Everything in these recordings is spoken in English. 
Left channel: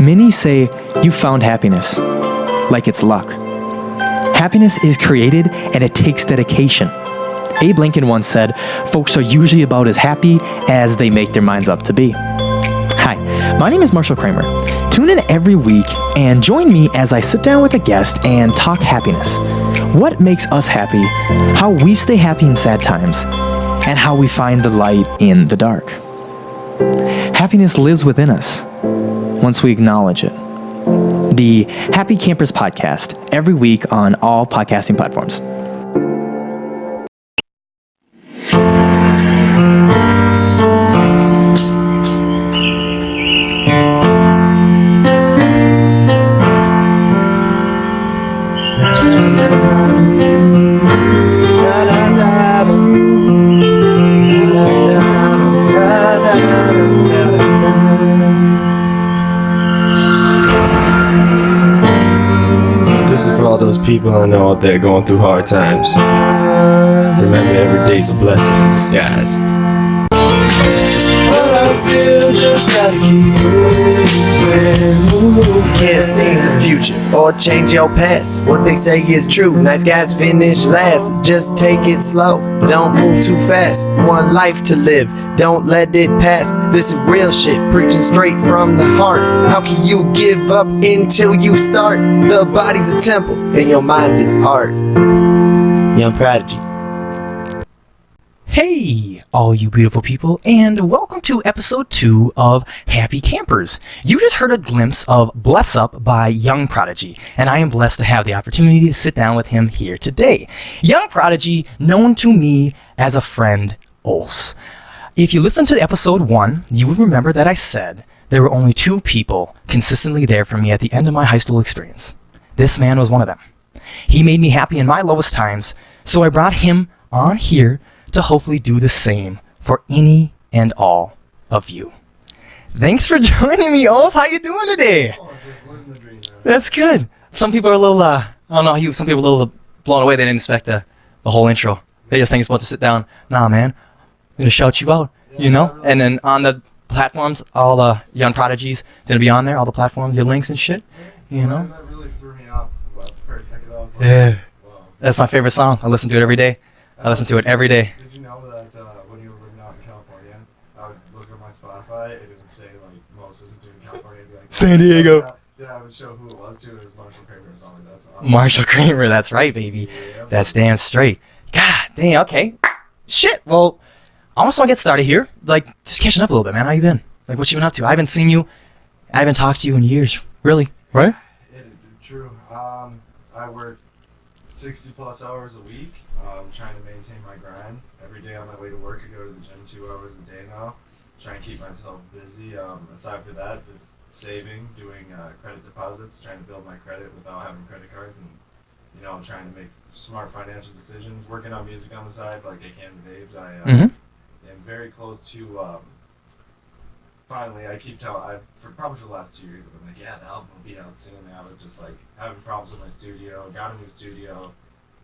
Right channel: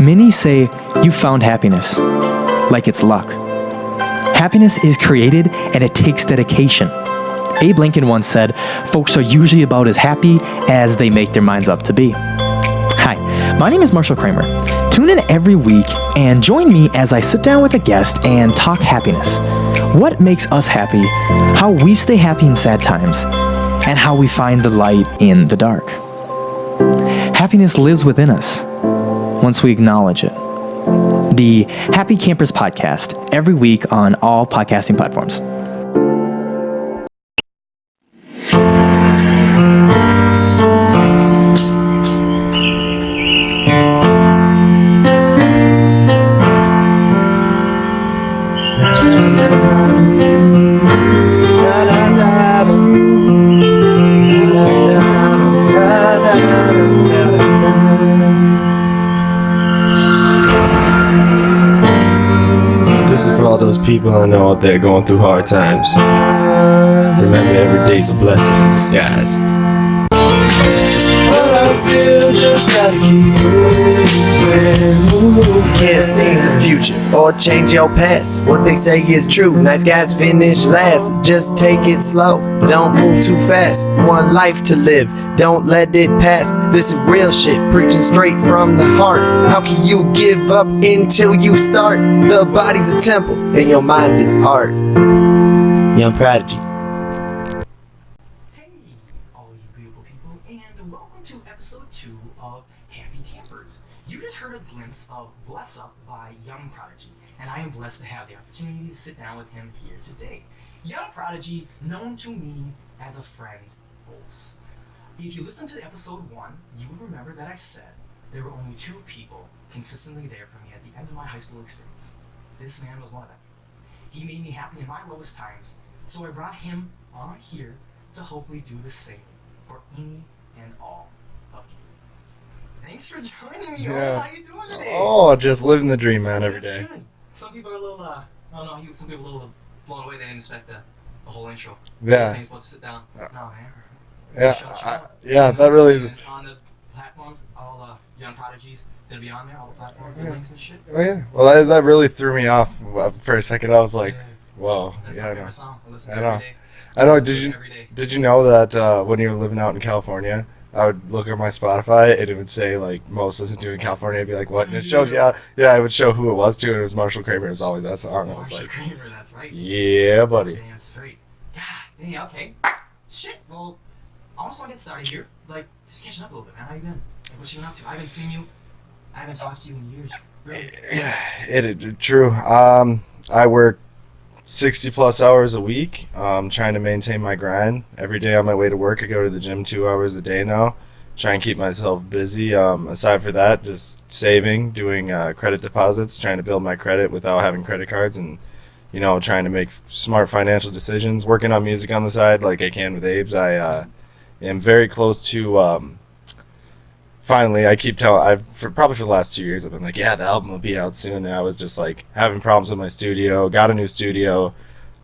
Many say you found happiness, like it's luck. Happiness is created and it takes dedication. Abe Lincoln once said, folks are usually about as happy as they make their minds up to be. Hi, my name is Marshal Kramer. Tune in every week and join me as I sit down with a guest and talk happiness. What makes us happy, how we stay happy in sad times, and how we find the light in the dark. Happiness lives within us once we acknowledge it. The Happy Campers Podcast, every week on all podcasting platforms. People I know out there going through hard times. Remember, every day's a blessing in disguise. But I still just gotta keep moving. Can't see the future or change your past. What they say is true. Nice guys finish last. Just take it slow. Don't move too fast. One life to live. Don't let it pass. This is real shit. Preaching straight from the heart. How can you give up until you start? The body's a temple and your mind is art. Young Prodigy. Hey, all you beautiful people, and welcome to episode 2 of Happy Campers. You just heard a glimpse of Bless Up by Young Prodigy, and I am blessed to have the opportunity to sit down with him here today. Young Prodigy, known to me as a friend, Ols. If you listened to episode 1, you would remember that I said there were only 2 people consistently there for me at the end of my high school experience. This man was one of them. He made me happy in my lowest times, so I brought him on here to hopefully do the same for any and all of you. Thanks for joining me, Ols. How you doing today? Oh, just living the dream, man. That's good. Some people are a little, I don't know, some people are a little blown away. They didn't expect the whole intro. They just think it's supposed to sit down. Nah, man. They shout you out, you know? Really. And then on the platforms, all the Young Prodigies, it's going to be on there, all the platforms, your links and shit. Oh, yeah. Well, that really threw me off for a second. I was like, whoa. That's my favorite song. I listen to it every day. I listen to it every day. Did you know that when you were living out in California, I would look at my Spotify and it would say like most listened to in California. I'd be like, San Diego. Yeah, I would show who it was to, and it was Marshal Kramer. It was always that song. Marshal Kramer, that's right, baby. Yeah, buddy. That's damn straight. God dang, okay. Shit, well, I almost want to get started here. Like, just catching up a little bit, man. How you been? Like, what you been up to? I haven't seen you. I haven't talked to you in years. Really? Right? True. I work 60 plus hours a week, trying to maintain my grind. Every day on my way to work, I go to the gym 2 hours a day now. Try and keep myself busy. Aside for that, just saving, doing credit deposits, trying to build my credit without having credit cards, and trying to make smart financial decisions. Working on music on the side, like I can with Abe's. I am very close to. Finally, I keep telling, probably for the last 2 years, I've been like, yeah, the album will be out soon. And I was just like having problems with my studio, got a new studio,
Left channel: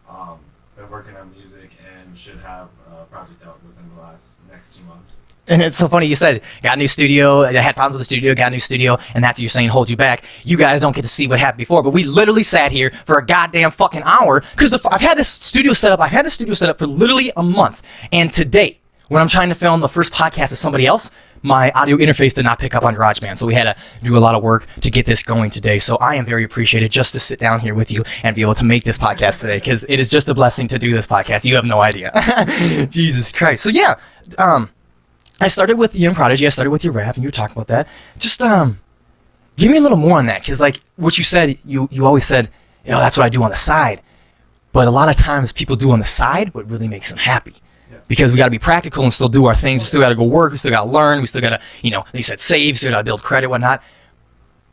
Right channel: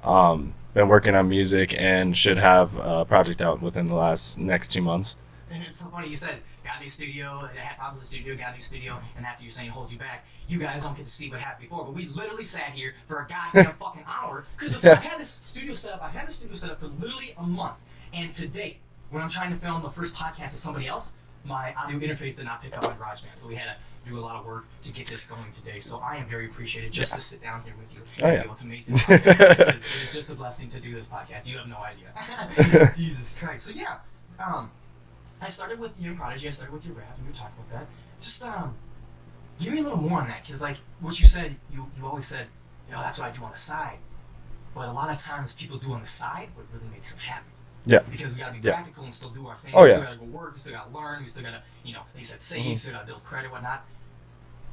been working on music, and should have a project out within the next 2 months. And it's so funny you said, got a new studio, I had problems with the studio, got a new studio, and that's you're saying hold you back. You guys don't get to see what happened before, but we literally sat here for a goddamn fucking hour, because I've had this studio set up, for literally a month. And today, when I'm trying to film the first podcast with somebody else, my audio interface did not pick up on GarageBand, so we had to do a lot of work to get this going today. So I am very appreciated just to sit down here with you and be able to make this podcast today, because it is just a blessing to do this podcast. You have no idea. Jesus Christ. So yeah, I started with Young Prodigy. I started with your rap, and you were talking about that. Just give me a little more on that, because like what you said, you always said, that's what I do on the side. But a lot of times people do on the side what really makes them happy. Yeah. Because we got to be practical and still do our things. We still got to go work. We still got to learn. We still got to, like you said, save. We still got to build credit, whatnot.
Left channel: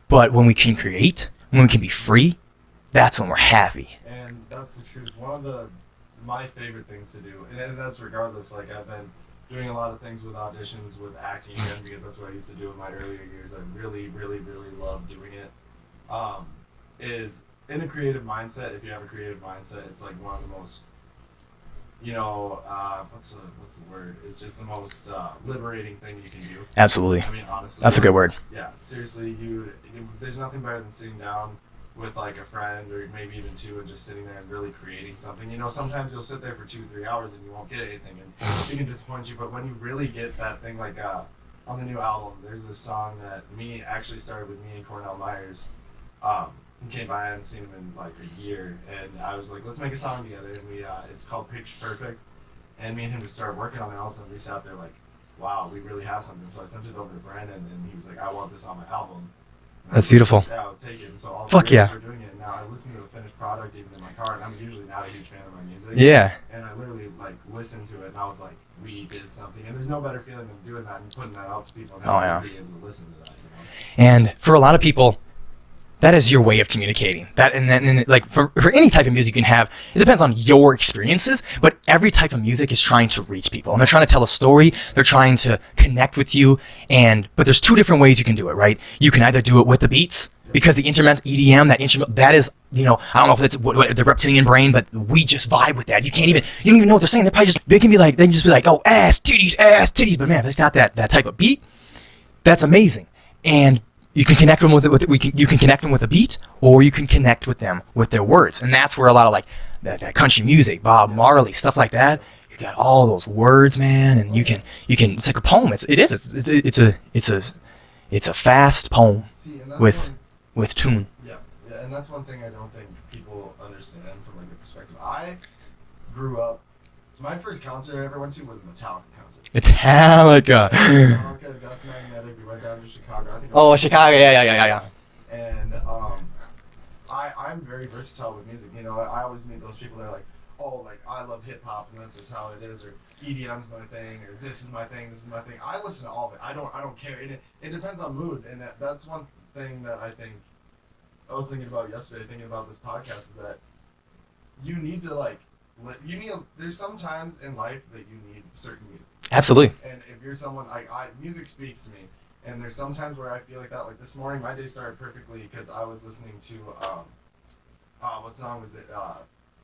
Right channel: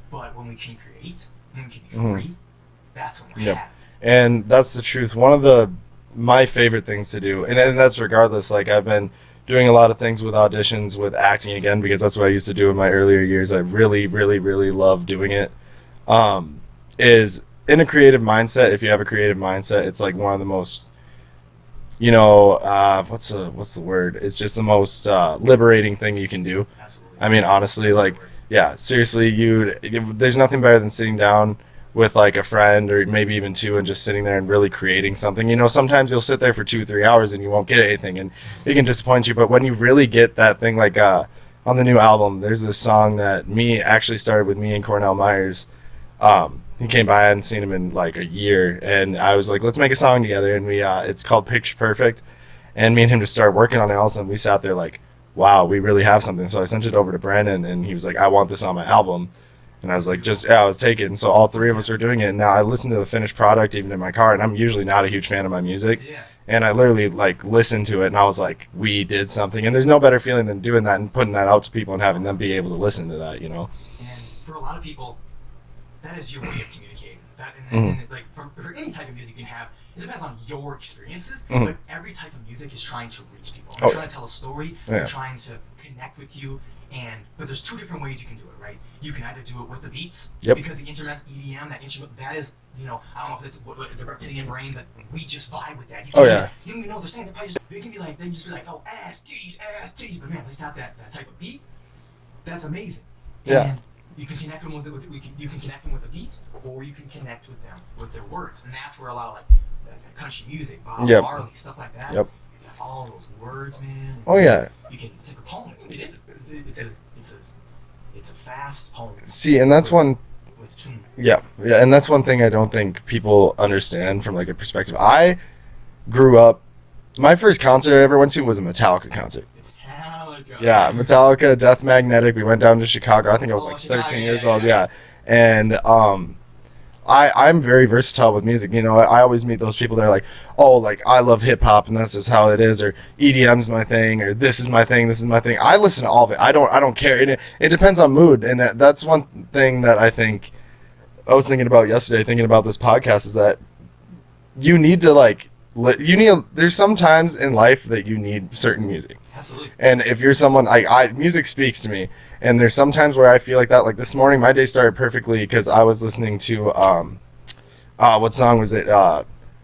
But when we can create, when we can be free, that's when we're happy. And that's the truth. One of my favorite things to do, and that's regardless. Like I've been doing a lot of things with auditions, with acting again, because that's what I used to do in my earlier years. I really, really, really love doing it. Is in a creative mindset. If you have a creative mindset, it's like one of the most what's the word? It's just the most liberating thing you can do. Absolutely. I mean, honestly, That's a good word. Yeah, seriously, there's nothing better than sitting down with like a friend or maybe even two and just sitting there and really creating something. Sometimes you'll sit there for 2-3 hours and you won't get anything and it can disappoint you. But when you really get that thing, like on the new album, there's this song that actually started with me and Cornell Myers. He came by, I hadn't seen him in like a year, and I was like, let's make a song together, and it's called Picture Perfect, and me and him just started working on it. All of a sudden we sat there like, wow, we really have something. So I sent it over to Brandon, and he was like, I want this on my album. And I was That's like, beautiful. I was taken. So all three of us yeah. were doing it, and now I listen to the finished product even in my car, and I'm usually not a huge fan of my music. Yeah. And I literally like listened to it, and I was like, we did something. And there's no better feeling than doing that and putting that out to people and having them be able to listen to that, And for a lot of people, that is your way of communicating. That and then and like for any type of music you can have, it depends on your experiences. But every type of music is trying to reach people, and they're trying to tell a story. Yeah. They're trying to connect with you. But there's two different ways you can do it, right? You can either do it with the beats, because the instrument EDM, that is, I don't know if it's the reptilian brain, but we just vibe with that. You can't you don't even know what they're saying. They can just be like, oh, ass titties. But man, if it's got that type of beat, that's amazing. And you can connect them you can connect them with a beat, or you can connect with them with their words, and that's where a lot of like that country music, Bob Marley, stuff like that. You got all those words, man, and you can. It's like a poem. It's a fast poem. See, and that's one with tune. Yeah, and that's one thing I don't think people understand from like a perspective. I grew up. My first concert I ever went to was a Metallica concert. Metallica. Yeah, Metallica, Death Magnetic. We went down to Chicago. I think I was Chicago, yeah. And I'm very versatile with music. I always meet those people that are like, oh, like I love hip hop and that's just how it is, or EDM's my thing, or this is my thing. I listen to all of it. I don't care. It depends on mood, and that's one thing that I think I was thinking about yesterday, thinking about this podcast, is that you need to there's some times in life that you need certain music. Absolutely. And if you're someone, music speaks to me. And there's some times where I feel like that. Like this morning, my day started perfectly because I was listening to, what song was it?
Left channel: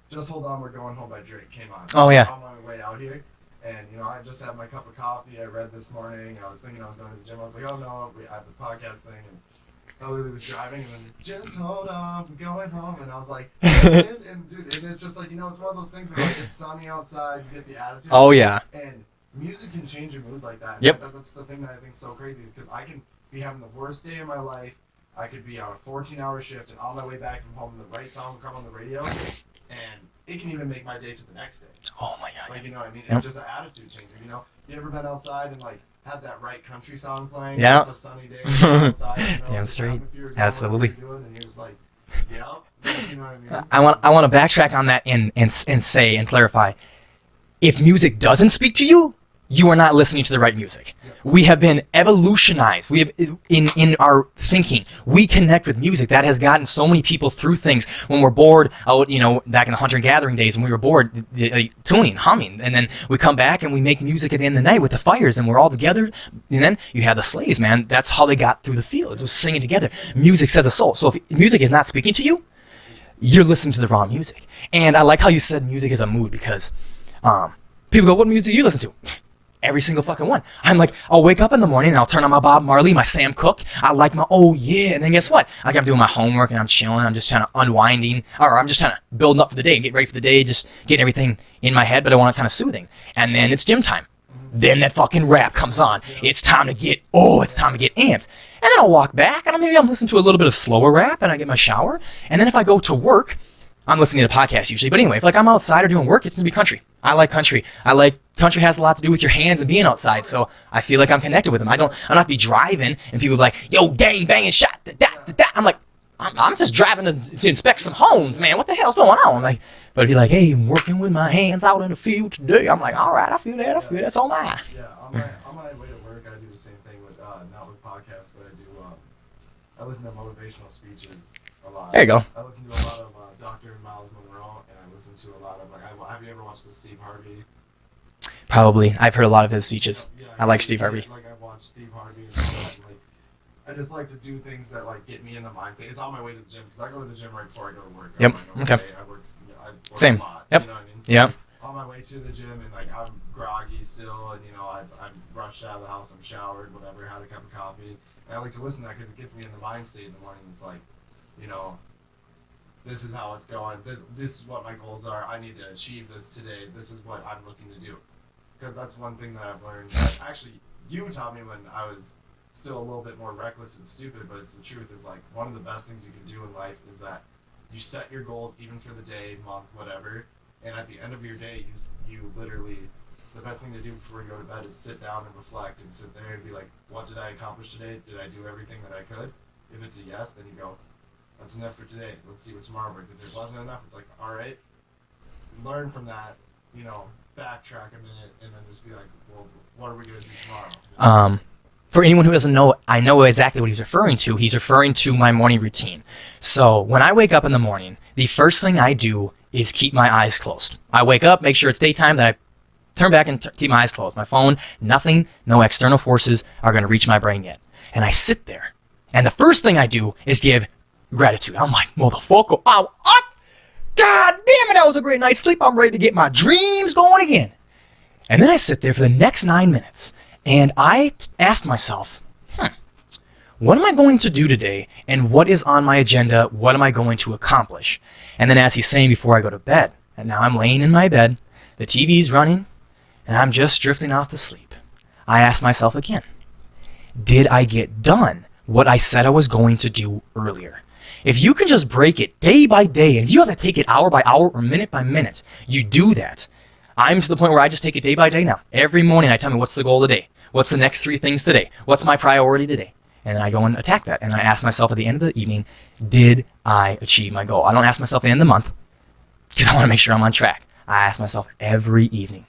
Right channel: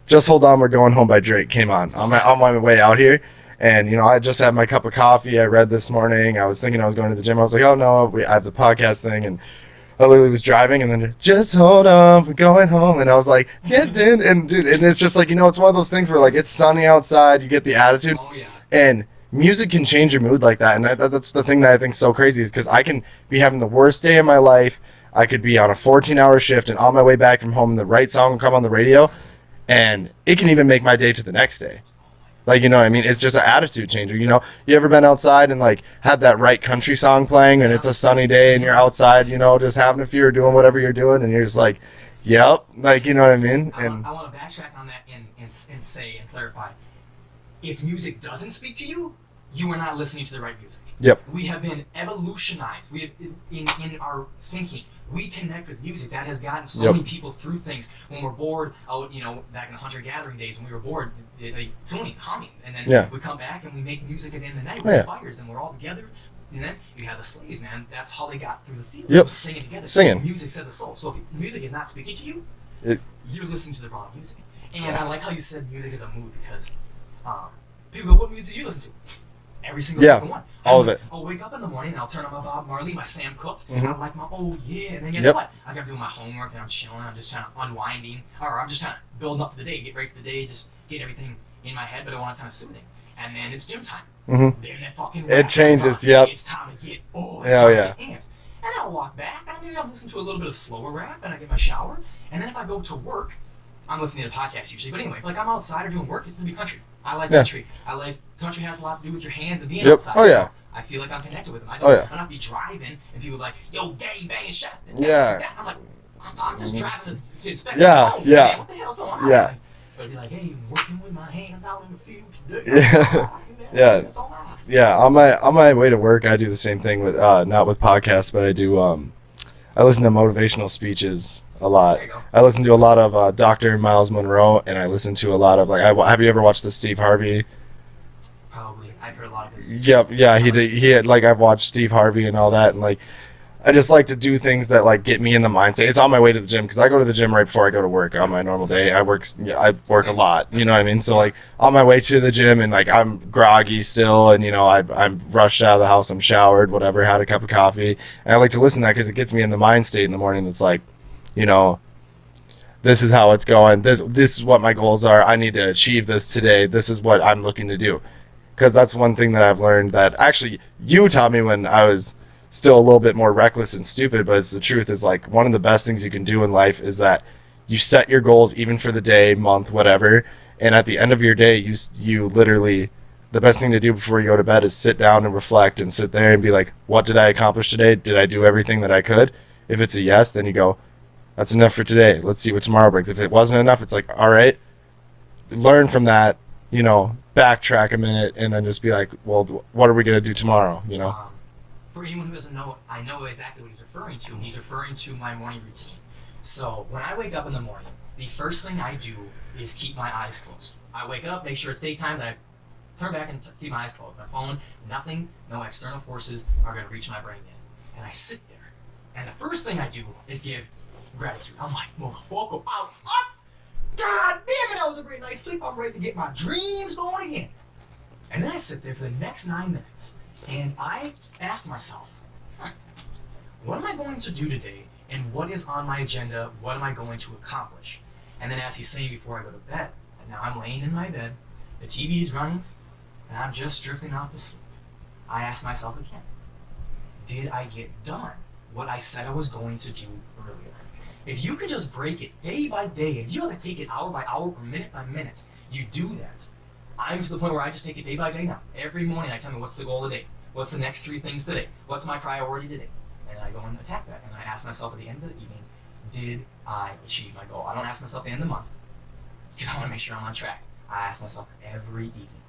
Just Hold On, We're Going Home by Drake came on. On my way out here. And, I just had my cup of coffee. I read this morning. I was thinking I was going to the gym. I was like, oh no, I have the podcast thing. And I literally was driving, and then just hold on, we're going home, and I was like, and dude, and it's just like, it's one of those things where like it's sunny outside, you get the attitude. Oh yeah. And music can change your mood like that, and that's the thing that I think is so crazy, is because I can be having the worst day of my life. I could be on a 14-hour shift, and on my way back from home, the right song will come on the radio, and it can even make my day to the next day. Oh my God. Like, what I mean? It's just an attitude changer. You ever been outside and like had that right country song playing, and it's a sunny day and you're outside, just having a few or doing whatever you're doing, and you're just like, yep. Like, you know what I mean? I want to backtrack on that and say and clarify. If music doesn't speak to you, you are not listening to the right music. Yep. We have been evolutionized. We have in our thinking. We connect with music. That has gotten so many people through things. When we're bored, back in the hunter gathering days, when we were bored, tuning, humming, and then we come back and we make music at the end of the night with the fires, and we're all together. And then you had the slaves, man. That's how they got through the field. It was singing together. Music says a soul. So if music is not speaking to you, you're listening to the wrong music. And I like how you said music is a mood, because people go, "What music do you listen to?" Every single fucking one. I'm like, I'll wake up in the morning and I'll turn on my Bob Marley, my Sam Cooke. I like my and then guess what? Like I'm doing my homework and I'm chilling. I'm just kind of unwinding, or I'm just kind of building up for the day and get ready for the day, just getting everything in my head, but I want to kind of soothing. And then it's gym time. Then that fucking rap comes on. It's time to get get amped. And then I'll walk back and maybe I'm listening to a little bit of slower rap and I get my shower. And then if I go to work, I'm listening to podcasts usually. But anyway, if like I'm outside or doing work, it's gonna be country. I like country. Country has a lot to do with your hands and being outside. So I feel like I'm connected with them. I'm not be driving and people be like, yo, gang banging shot. I'm like, I'm just driving to inspect some homes, man. What the hell's going on? Like, but if you're like, hey, I'm working with my hands out in the field today, I'm like, all right, I feel that. That's all mine. Yeah, on my way to work, I do the same thing with not with podcasts, but I do I listen to motivational speeches a lot. There you go. I listen to a lot of Dr. Miles Monroe, and I listen to a lot of have you ever watched the Steve Harvey? Probably. I've heard a lot of his speeches. Yeah. He had, I've watched Steve Harvey and all that, and like I just like to do things that like get me in the mindset. It's on my way to the gym because I go to the gym right before I go to work on my normal day. I work Same. a lot. Yep. You know what I mean? So Yep. like on my way to the gym and like I'm groggy still, and I'm rushed out of the house. I'm showered, whatever, had a cup of coffee, and I like to listen to that because it gets me in the mind state in the morning. That's like, this is how it's going. This is what my goals are. I need to achieve this today. This is what I'm looking to do. Because that's one thing that I've learned that actually you taught me when I was still a little bit more reckless and stupid, but it's the truth. Is like one of the best things you can do in life is that you set your goals even for the day, month, whatever, and at the end of your day you literally, the best thing to do before you go to bed is sit down and reflect and sit there and be like, what did I accomplish today? Did I do everything that I could? If it's a yes, then you go, that's enough for today. Let's see what tomorrow brings. If it wasn't enough, it's like, all right, learn from that, backtrack a minute and then just be like, well, what are we going to do tomorrow? For anyone who doesn't know, I know exactly what he's referring to. He's referring to my morning routine. So when I wake up in the morning, the first thing I do is keep my eyes closed. I wake up, make sure it's daytime, then I turn back and keep my eyes closed. My phone, nothing, no external forces are going to reach my brain yet. And I sit there. And the first thing I do is give gratitude. I'm like, motherfucker, I'm up. God damn it, that was a great night's sleep. I'm ready to get my dreams going again. And then I sit there for the next 9 minutes. And I asked myself, what am I going to do today? And what is on my agenda? What am I going to accomplish? And then as he's saying before I go to bed, and now I'm laying in my bed, the TV's running, and I'm just drifting off to sleep. I asked myself again, did I get done what I said I was going to do earlier? If you can just break it day by day, and you have to take it hour by hour or minute by minute, you do that. I'm to the point where I just take it day by day now. Every morning I tell me, what's the goal of the day? What's the next 3 things today? What's my priority today? And then I go and attack that. And I ask myself at the end of the evening, did I achieve my goal? I don't ask myself at the end of the month because I want to make sure I'm on track. I ask myself every evening,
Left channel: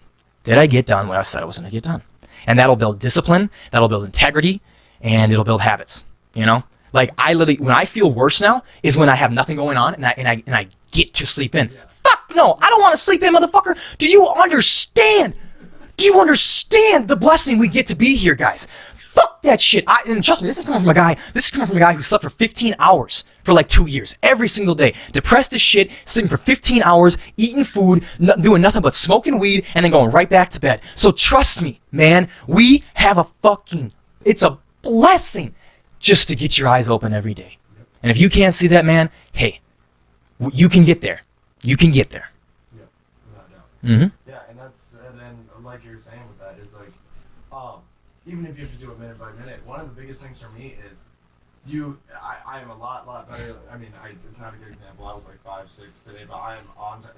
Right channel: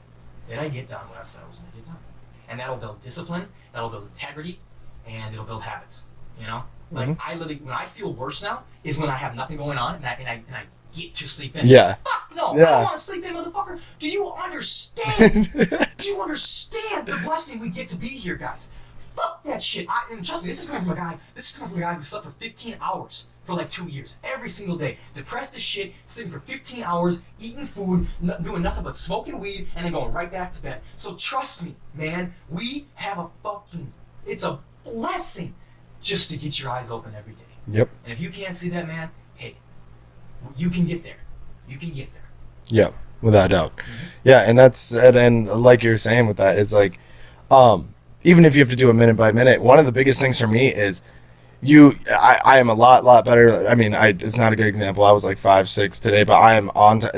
did I get done what I said I was going to get done? And that'll build discipline, that'll build integrity, and it'll build habits, Like I literally, when I feel worse now is when I have nothing going on and I get to sleep in. Yeah. Fuck no, I don't want to sleep in, motherfucker. Do you understand? Do you understand the blessing we get to be here, guys? Fuck that shit. And trust me, this is coming from a guy. This is coming from a guy who slept for 15 hours for like 2 years, every single day, depressed as shit, sleeping for 15 hours, eating food, doing nothing but smoking weed, and then going right back to bed. So trust me, man, we have it's a blessing just to get your eyes open every day. Yep. And if you can't see that, man, hey, you can get there. You can get there. Yeah, without a doubt. Mm-hmm. Yeah, and like you're saying with that, it's like, even if you have to do it minute by minute, one of the biggest things for me is I am a lot better. I mean, it's not a good example. I was like 5'6" today, but I am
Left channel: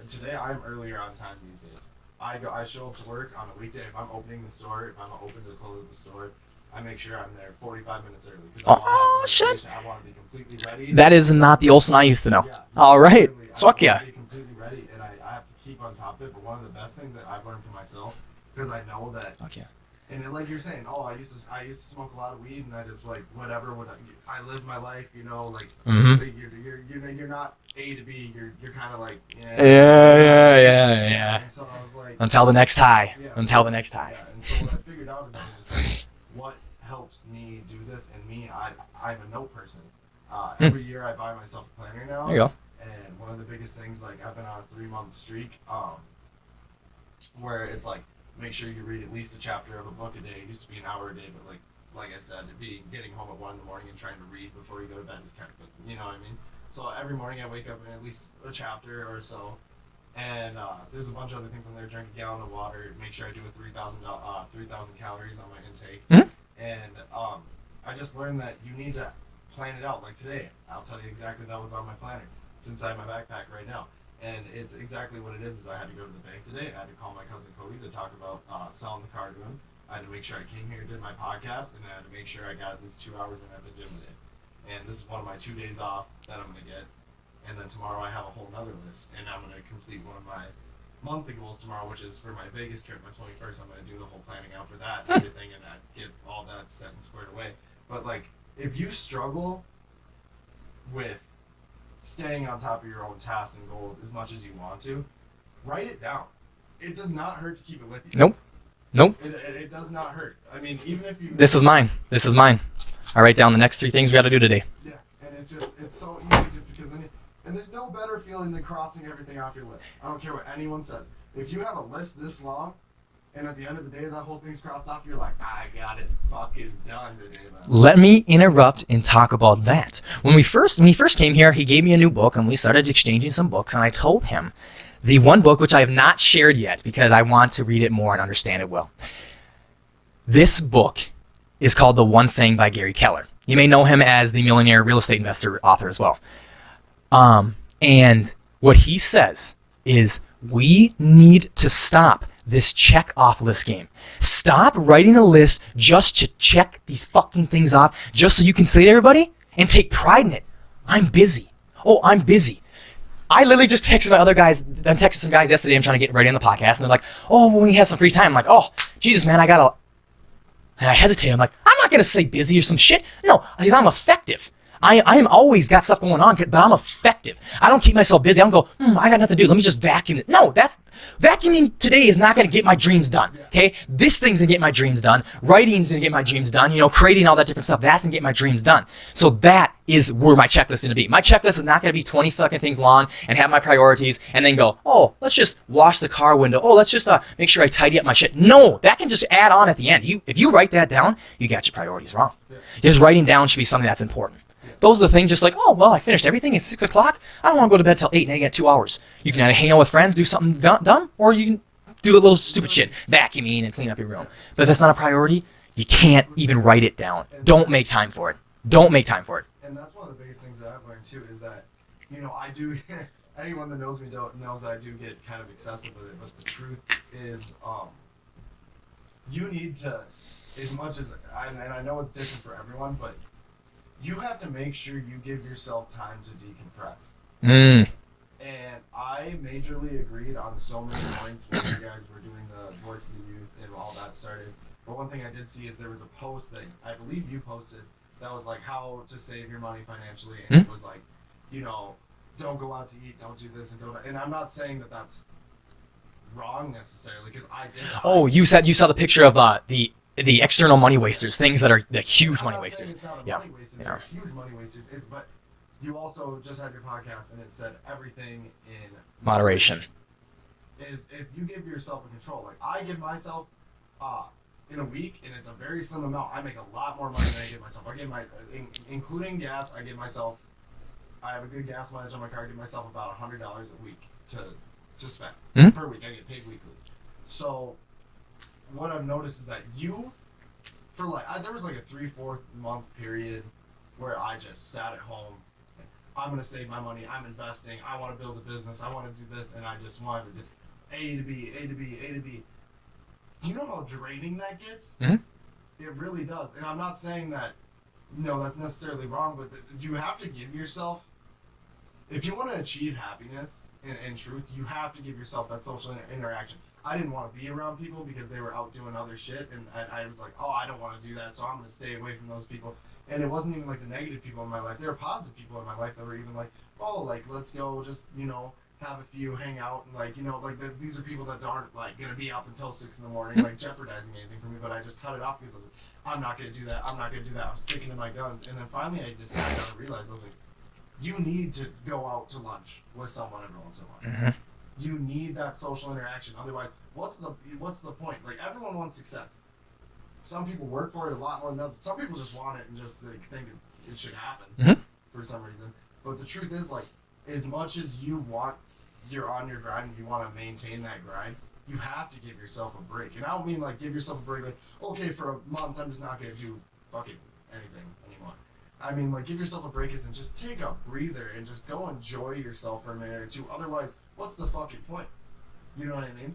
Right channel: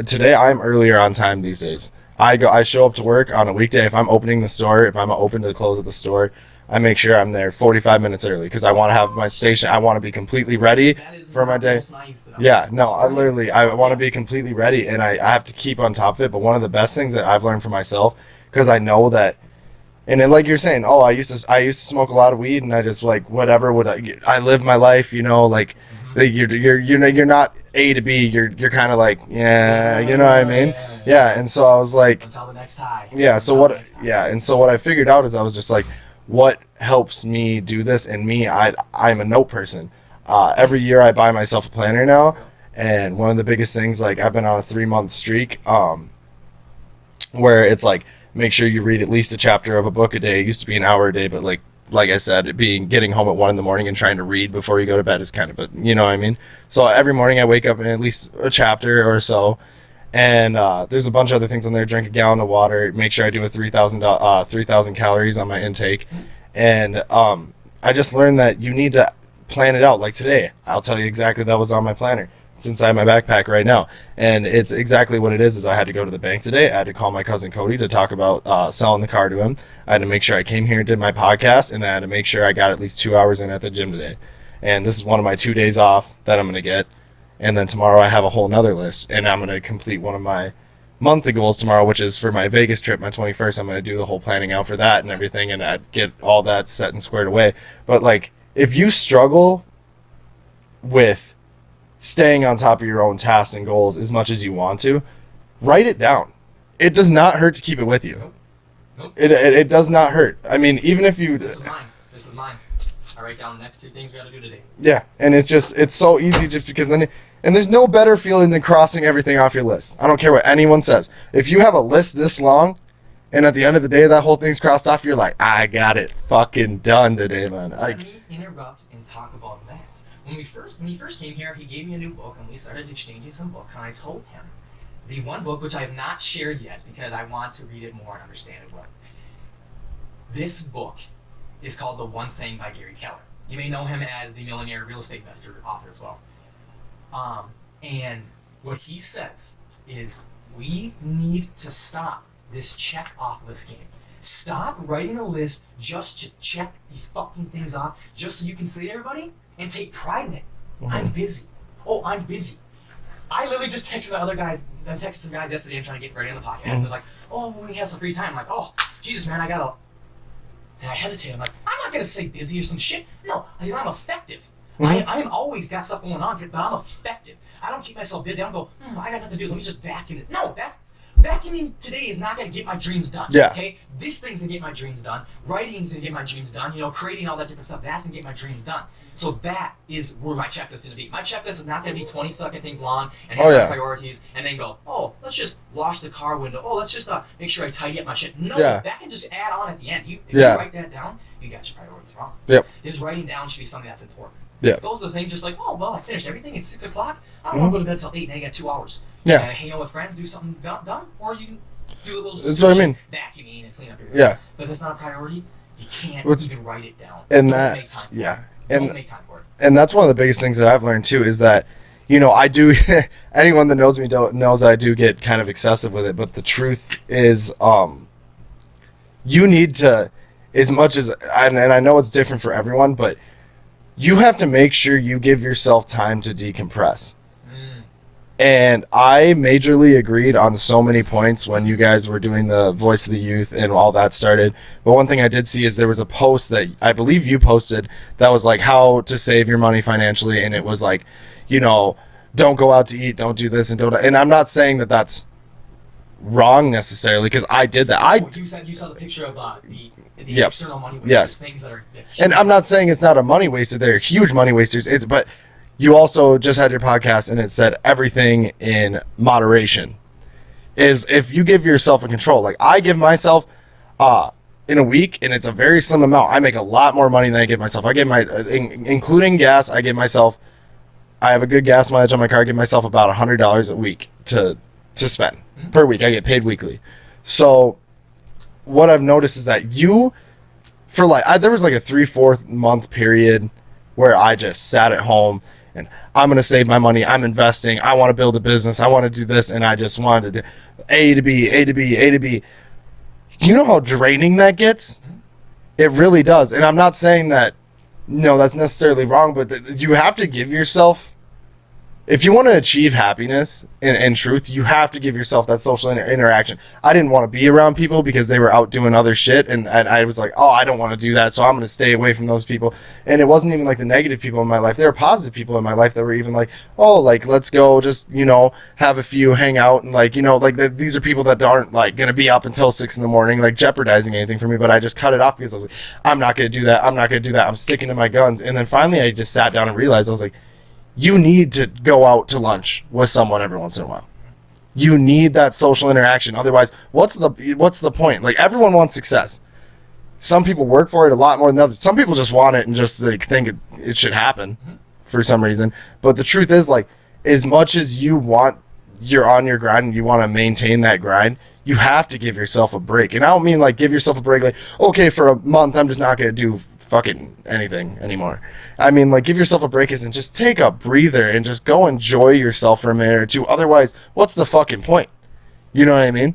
today I am earlier on time these days. I show up to work on a weekday. If I'm opening the store, if I'm open to the close of the store, I make sure I'm there 45 minutes early because I want to have my station. I want to be completely ready. That is not the Olsen I used to know. Yeah, no, all right. Literally, I want to be completely ready, and I have to keep on top of it. But one of the best things that I've learned for myself, because I know that, and then like you're saying, I used to smoke a lot of weed, and I just like whatever I live my life, like you're not A to B, you're kind of like you know what I mean? Yeah. And so I was like, until the next high. Yeah. Until the next high. Yeah. And so what I figured out is I was just like, what helps me do this? And I'm a note person. Every year I buy myself a planner now. There you go. And one of the biggest things, like I've been on a 3-month streak, where it's like, make sure you read at least a chapter of a book a day. It used to be an hour a day, but like I said, getting home at 1 a.m. and trying to read before you go to bed is kind of you know what I mean? So every morning I wake up and at least a chapter or so. And there's a bunch of other things on there. Drink a gallon of water. Make sure I do a 3,000 calories on my intake. Mm-hmm. And I just learned that you need to plan it out. Like today, I'll tell you exactly that was on my planner. It's inside my backpack right now. And it's exactly what it is I had to go to the bank today. I had to call my cousin Cody to talk about selling the car to him. I had to make sure I came here and did my podcast. And then I had to make sure I got at least 2 hours in at the gym today. And this is one of my 2 days off that I'm going to get. And then tomorrow I have a whole nother list. And I'm going to complete one of my monthly goals tomorrow, which is for my Vegas trip, my 21st. I'm going to do the whole planning out for that and everything. And I'd get all that set and squared away. But like, if you struggle with staying on top of your own tasks and goals as much as you want to, write it down. It does not hurt to keep it with you. Nope. It does not hurt. I mean, even if you... This is mine. I write down the next 3 things we got to do today. Yeah, and it's so easy just because then, and there's no better feeling than crossing everything off your list. I don't care what anyone says. If you have a list this long, and at the end of the day that whole thing's crossed off, you're like, I got it fucking done today, man. Let me interrupt and talk about that. When he first came here, he gave me a new book, and we started exchanging some books, and I told him the one book, which I have not shared yet because I want to read it more and understand it well. This book is called The One Thing by Gary Keller. You may know him as the millionaire real estate investor author as well. And what he says is we need to stop this check off list game. Stop writing a list just to check these fucking things off just so you can say to everybody and take pride in it. I'm busy. Oh, I'm busy. I literally just texted my other guys. I'm texting some guys yesterday. I'm trying to get ready on the podcast. And they're like, oh, when we have some free time. I'm like, oh, Jesus, man, I gotta. And I hesitate. I'm like, I'm not going to say busy or some shit. No, because I'm effective. I am always got stuff going on, but I'm effective. I don't keep myself busy. I don't go, I got nothing to do. Let me just vacuum it. No, vacuuming today is not going to get my dreams done. Yeah. Okay? This thing's going to get my dreams done. Writing's going to get my dreams done. Creating all that different stuff, that's going to get my dreams done. So that is where my checklist is going to be. My checklist is not going to be 20 fucking things long and have my priorities and then go, oh, let's just wash the car window. Oh, let's just make sure I tidy up my shit. No, that can just add on at the end. If you write that down, you got your priorities wrong. Yep. Just writing down should be something that's important. Yeah. Those are the things just like, oh, well, I finished everything at 6 o'clock. I don't want to go to bed till 8 and I got 2 hours. You can hang out with friends, do something done, or you can do a little stupid shit, vacuuming and clean up your room. Yeah. But if that's not a priority, you can't even write it down. And don't make time for it. Don't make time for it. And that's one of the biggest things that I've learned too is that, I do, anyone that knows me knows I do get kind of excessive with it. But the truth is, you need to, as much as, and I know it's different for everyone, but you have to make sure you give yourself time to decompress. And I majorly agreed on so many points when you guys were doing the Voice of the Youth and all that started. But one thing I did see is there was a post that I believe you posted that was like how to save your money financially. And it was like, don't go out to eat, don't do this, and I'm not saying that that's wrong necessarily because I did that. Oh, you saw the picture of the external money wasters, things that are the huge. And I'm not saying it's not a money waster; they're huge money wasters. But you also just had your podcast, and it said everything in moderation. Is if you give yourself a control. Like I give myself, in a week, and it's a very slim amount. I make a lot more money than I give myself. I give including gas. I give myself. I have a good gas mileage on my car. I give myself about $100 a week to spend per week. I get paid weekly, so. What I've noticed is that there was like a 3-4 month period where I just sat at home and I'm going to save my money. I'm investing. I want to build a business. I want to do this. And I just wanted to do A to B, A to B, A to B. You know how draining that gets? It really does. And I'm not saying that, that's necessarily wrong, but you have to give yourself, if you want to achieve happiness and truth, you have to give yourself that social interaction. I didn't want to be around people because they were out doing other shit. And I was like, oh, I don't want to do that. So I'm going to stay away from those people. And it wasn't even like the negative people in my life. There were positive people in my life that were even like, oh, like, let's go just, have a few, hang out. And like, these are people that aren't like going to be up until 6 a.m, like jeopardizing anything for me. But I just cut it off because I was like, I'm not going to do that. I'm not going to do that. I'm sticking to my guns. And then finally I just sat down and realized, I was like, you need to go out to lunch with someone every once in a while. You need that social interaction. Otherwise, what's the point? Like everyone wants success. Some people work for it a lot more than others. Some people just want it and just like think it should happen for some reason. But the truth is, like, as much as you're on your grind and you want to maintain that grind, you have to give yourself a break. And I don't mean like give yourself a break like, okay, for a month I'm just not going to do fucking anything anymore. I mean, like, give yourself a break and just take a breather and just go enjoy yourself for a minute or two. Otherwise, what's the fucking point? You know what I mean?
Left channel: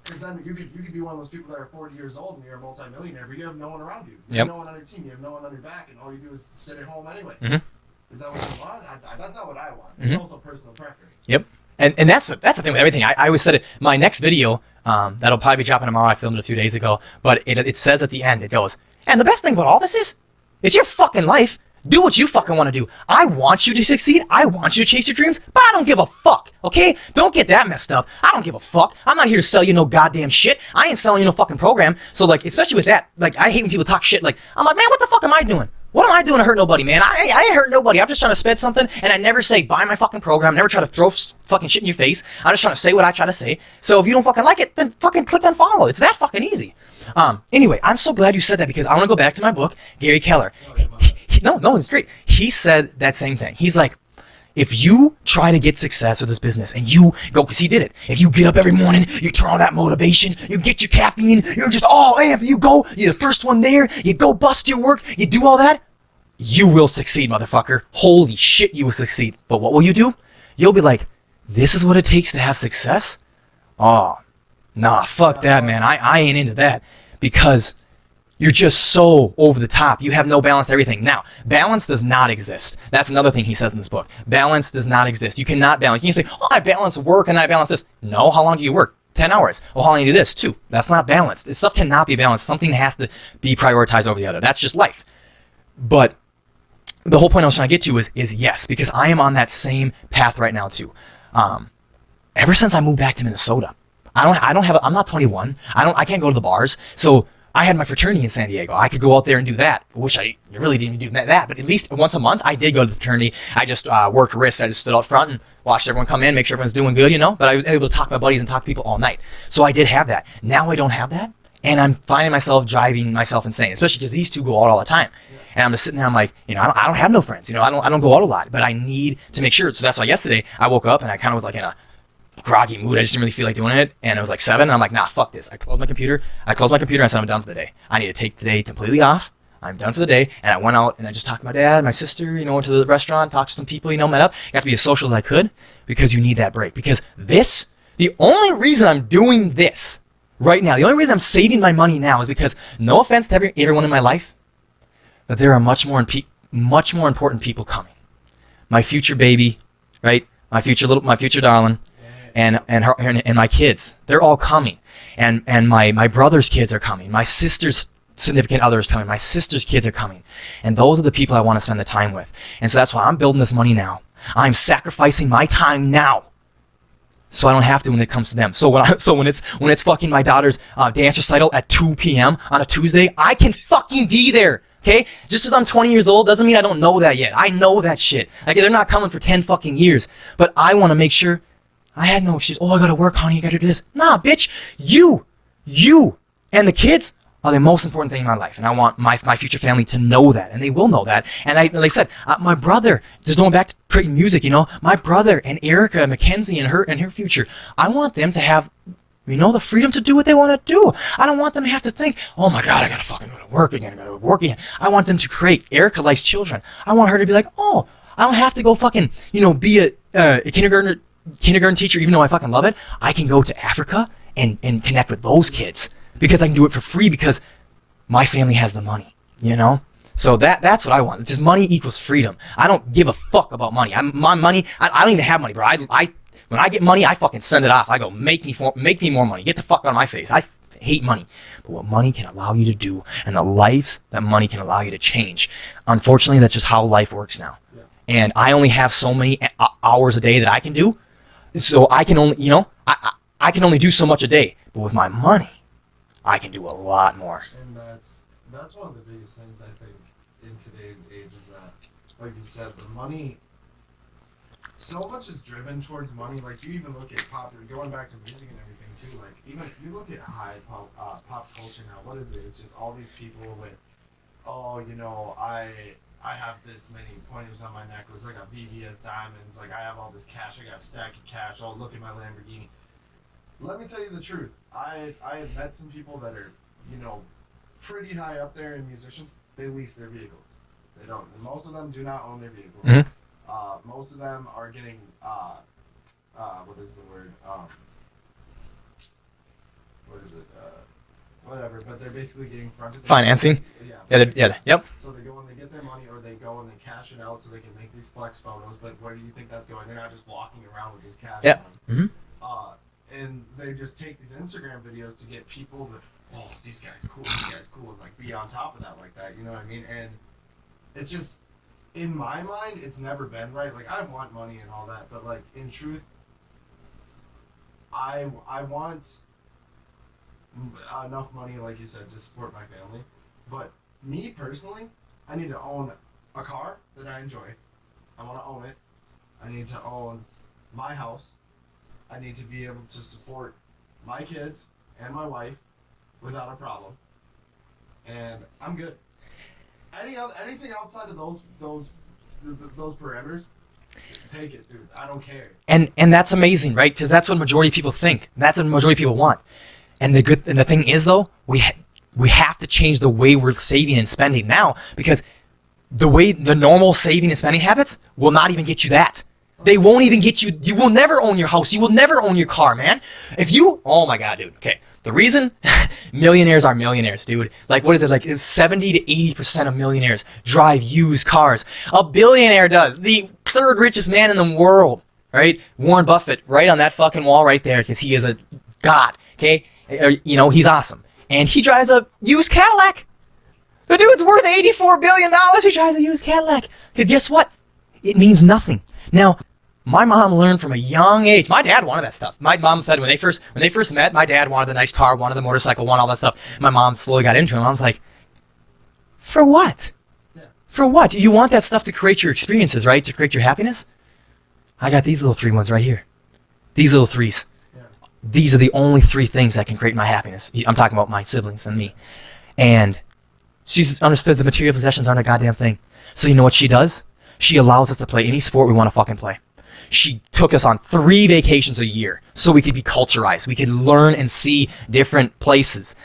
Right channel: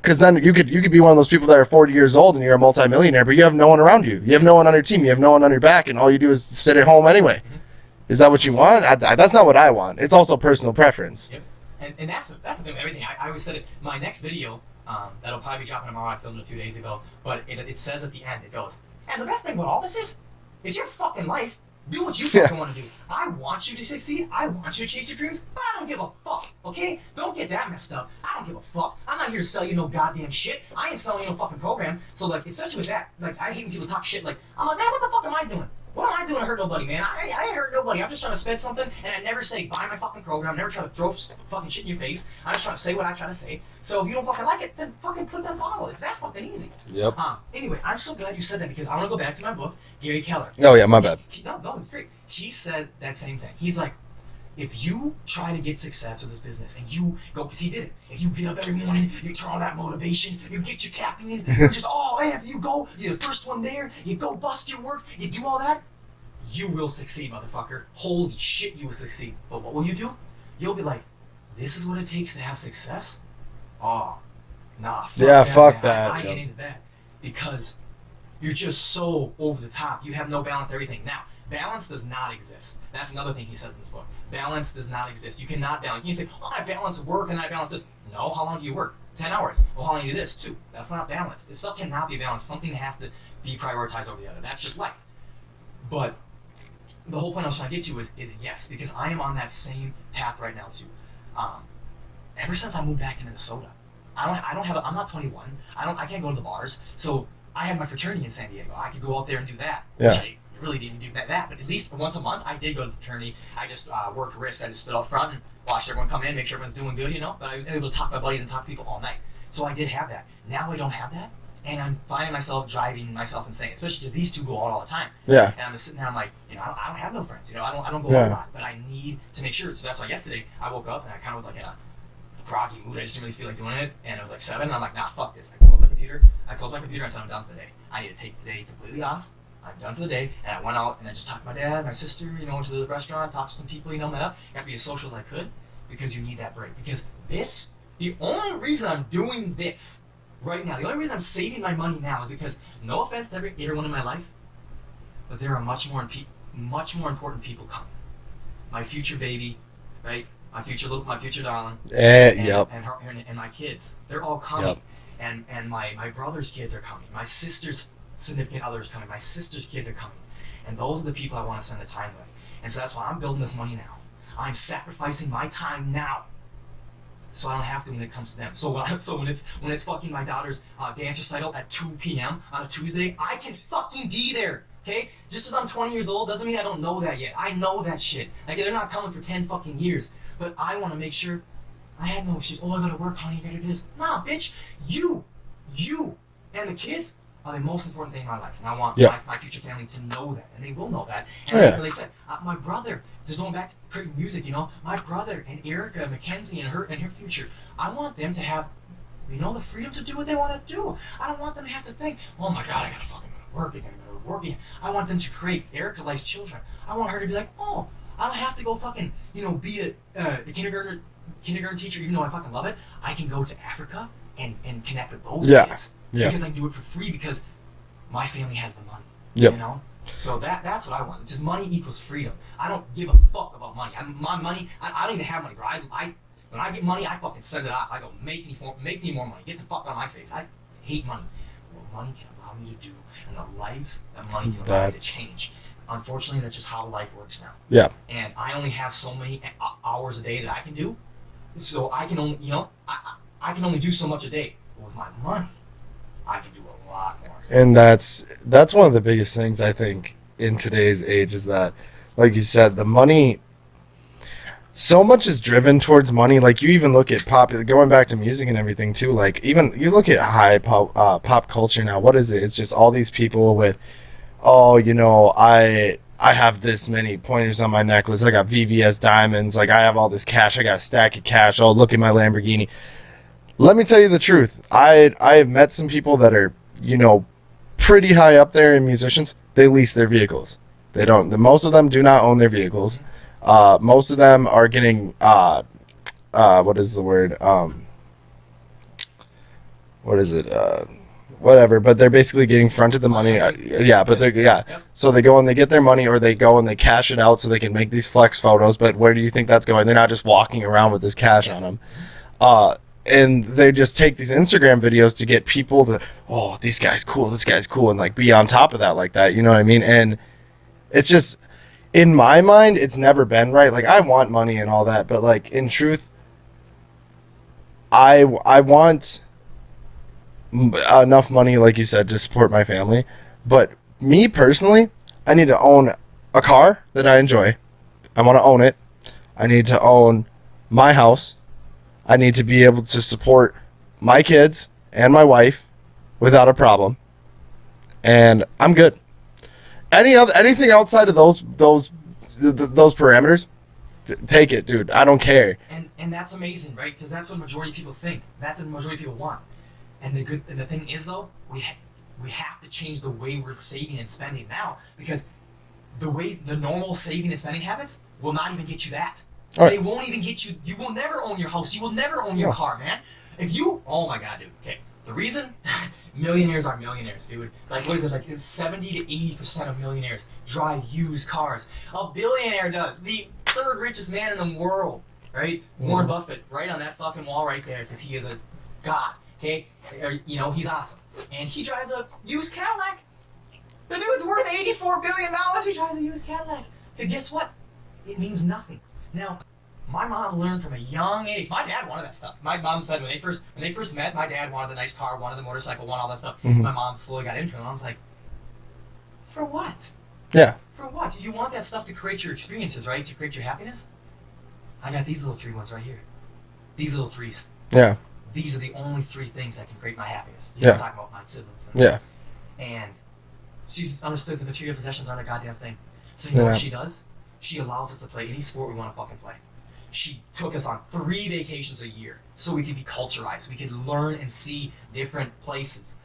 Because then you could be one of those people that are 40 years old and you're a multimillionaire, but you have no one around you. You have no one on your team. You have no one on your back, and all you do is sit at home anyway. Is that what you want? That's not what I want. It's also personal preference. Yep. And that's the thing with everything. I always said it. My next video, that'll probably be dropping tomorrow. I filmed it a few days ago, but it says at the end, it goes, and the best thing about all this is, it's your fucking life. Do what you fucking want to do. I want you to succeed. I want you to chase your dreams, but I don't give a fuck, okay? Don't get that messed up. I don't give a fuck. I'm not here to sell you no goddamn shit. I ain't selling you no fucking program. So, like, especially with that, like, I hate when people talk shit. Like, I'm like, man, what the fuck am I doing? What am I doing to hurt nobody, man? I ain't hurt nobody. I'm just trying to spit something, and I never say buy my fucking program. Never try to throw fucking shit in your face. I'm just trying to say what I try to say. So if you don't fucking like it, then fucking click unfollow. It's that fucking easy. Yep. Anyway, I'm so glad you said that because I want to go back to my book, Gary Keller. Oh yeah, my bad. No, it's great. He said that same thing. He's like, if you try to get success with this business and you go, because he did it. If you get up every morning, you turn on that motivation, you get your caffeine, you're just all amped, you go, you're the first one there, you go bust your work, you do all that, you will succeed, motherfucker. Holy shit, you will succeed. But what will you do? You'll be like, this is what it takes to have success? Oh, nah, fuck that, man. I ain't into that. Because you're just so over the top. You have no balance to everything. Now, balance does not exist. That's another thing he says in this book. Balance does not exist. You cannot balance. You can say, oh, I balance work and I balance this. No, how long do you work? 10 hours. Well, how long do you do this? 2. That's not balanced. This stuff cannot be balanced. Something has to be prioritized over the other. That's just life. But the whole point I was trying to get to is yes, because I am on that same path right now too. Ever since I moved back to Minnesota, I'm not 21. I can't go to the bars. So I had my fraternity in San Diego. I could go out there and do that, which I really didn't do that. But at least once a month, I did go to the fraternity. I just worked wrists. I just stood out front and watched everyone come in, make sure everyone's doing good, But I was able to talk to my buddies and talk to people all night. So I did have that. Now I don't have that. And I'm finding myself driving myself insane, especially because these two go out all the time. Yeah. And I'm just sitting there, I'm like, I don't have no friends. I don't go out a lot, but I need to make sure. So that's why yesterday I woke up and I kind of was like in a groggy mood. I just didn't really feel like doing it. And it was like 7 and I'm like, nah, fuck this. I closed my computer and I said, I'm done for the day. I need to take the day completely off. I'm done for the day. And I went out and I just talked to my dad, my sister, went to the restaurant, talked to some people, met up. Got to be as social as I could because you need that break. Because the only reason I'm doing this right now, the only reason I'm saving my money now is because, no offense to everyone in my life, but there are much more important people coming. My future baby, right? My future darling, and my kids. They're all coming, and my brother's kids are coming. My sister's significant other is coming. My sister's kids are coming, and those are the people I want to spend the time with. And so that's why I'm building this money now. I'm sacrificing my time now, so I don't have to when it comes to them. So when it's fucking my daughter's dance recital at 2 p.m. on a Tuesday, I can fucking be there. Okay? Just as I'm 20 years old doesn't mean I don't know that yet. I know that shit. Like, they're not coming for 10 fucking years. But I want to make sure I had no excuse. Oh, I gotta work, honey. I gotta do this. Nah, bitch. You and the kids are the most important thing in my life. And I want my future family to know that. And they will know that. And like I said, my brother, just going back to creating music, my brother and Erica and Mackenzie and her future, I want them to have the freedom to do what they want to do. I don't want them to have to think, oh my God, I gotta fucking go to work again, I want them to create. Erica likes children. I want her to be like, oh, I don't have to go fucking, be a kindergarten teacher, even though I fucking love it. I can go to Africa and connect with those kids because I can do it for free because my family has the money, So that's what I want. Just money equals freedom. I don't give a fuck about money. My money, I don't even have money, bro. When I get money, I fucking send it off. I go, make me more money. Get the fuck out of my face. I hate money. But what money can allow you to do and the lives that money can allow you to change. Unfortunately, that's just how life works now. Yeah. And I only have so many hours a day that I can do. So I can only, I can only do so much a day. But with my money, I can do a lot more. And that's one of the biggest things, I think, in today's age is that, like you said, the money... So much is driven towards money. Like, you even look at going back to music and everything too. Like, even you look at high pop culture now. What is it? It's just all these people with, I have this many pointers on my necklace. I got VVS diamonds. Like, I have all this cash. I got a stack of cash. Oh, look at my Lamborghini. Let me tell you the truth. I have met some people that are, pretty high up there in musicians. They lease their vehicles. They don't. Most of them do not own their vehicles. Mm-hmm. Most of them are getting what is the word? What is it? Whatever. But they're basically getting fronted the financing. Money. Yeah, but Yep. So they go and they get their money, or they go and they cash it out so they can make these flex photos. But where do you think that's going? They're not just walking around with this cash on them. Mm-hmm. And they just take these Instagram videos to get people to, oh, this guy's cool, and like be on top of that like that. You know what I mean? And it's just, in my mind, it's never been right. Like, I want money and all that, but like, in truth, I want enough money, like you said, to support my family. But me personally, I need to own a car that I enjoy. I want to own it. I need to own my house. I need to be able to support my kids and my wife without a problem. And I'm good. Anything outside of those parameters, take it, dude. I don't care. And that's amazing, right? Because that's what majority of people think. That's what majority of people want. And the thing is, though, we have to change the way we're saving and spending now, because the normal saving and spending habits will not even get you that. Right. They won't even get you. You will never own your house. You will never own your car, man. Oh my God, dude. Okay. The reason millionaires are millionaires, dude. Like, what is it? Like 70 to 80% of millionaires drive used cars. A billionaire does. The third richest man in the world, right? Warren Buffett, right on that fucking wall right there, because he is a god, okay? You know, he's awesome. And he drives a used Cadillac. The dude's worth $84 billion. He drives a used Cadillac. Because guess what? It means nothing. Now, my mom learned from a young age. My dad wanted that stuff. My mom said when they first met, my dad wanted the nice car, wanted the motorcycle, wanted all that stuff. Mm-hmm. My mom slowly got into it. And I was like, for what? Yeah. For what? You want that stuff to create your experiences, right? To create your happiness? I got these little 3 ones right here. These little 3s. Yeah. These are the only 3 things that can create my happiness. I'm talking about my siblings. And she's understood the material possessions aren't a goddamn thing. So you know what she does? She allows us to play any sport we want to fucking play. She took us on 3 vacations a year so we could be culturized. We could learn and see different places.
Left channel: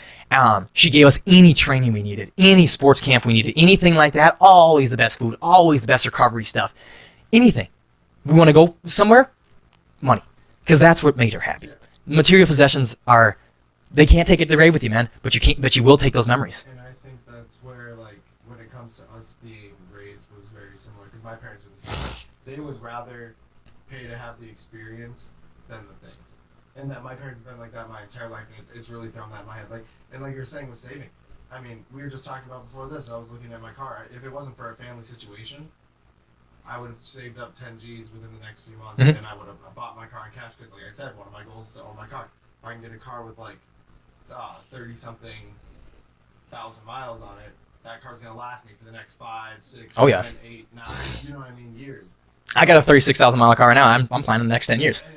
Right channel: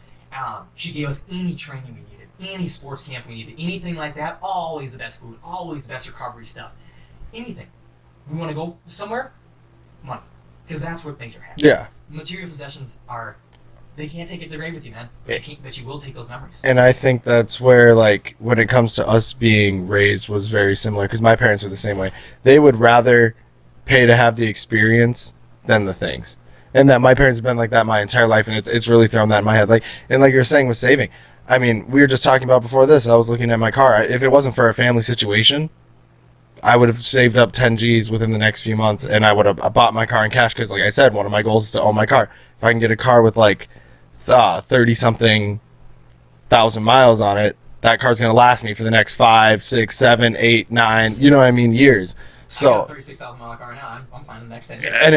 She gave us any training we needed, any sports camp we needed, anything like that. Always the best food, always the best recovery stuff. Anything. We want to go somewhere? Money. Because that's what made her happy. Yeah. Material possessions they can't take it away with you, man. But you will take those memories. And I think that's where, like, when it comes to us being raised was very similar, because my parents were the same way. They would rather pay to have the experience than the things. And that my parents have been like that my entire life, and it's really thrown that in my head. Like you're saying with saving. I mean, we were just talking about before this, I was looking at my car. If it wasn't for a family situation, I would have saved up 10 G's within the next few months, and I would have bought my car in cash, because like I said, one of my goals is to own my car. If I can get a car with like 30-something thousand miles on it, that car's going to last me for the next 5, 6, 7, 8, 9, you know what I mean, years. So, I got a 36,000 mile car right now. I'm planning the next 10 years. And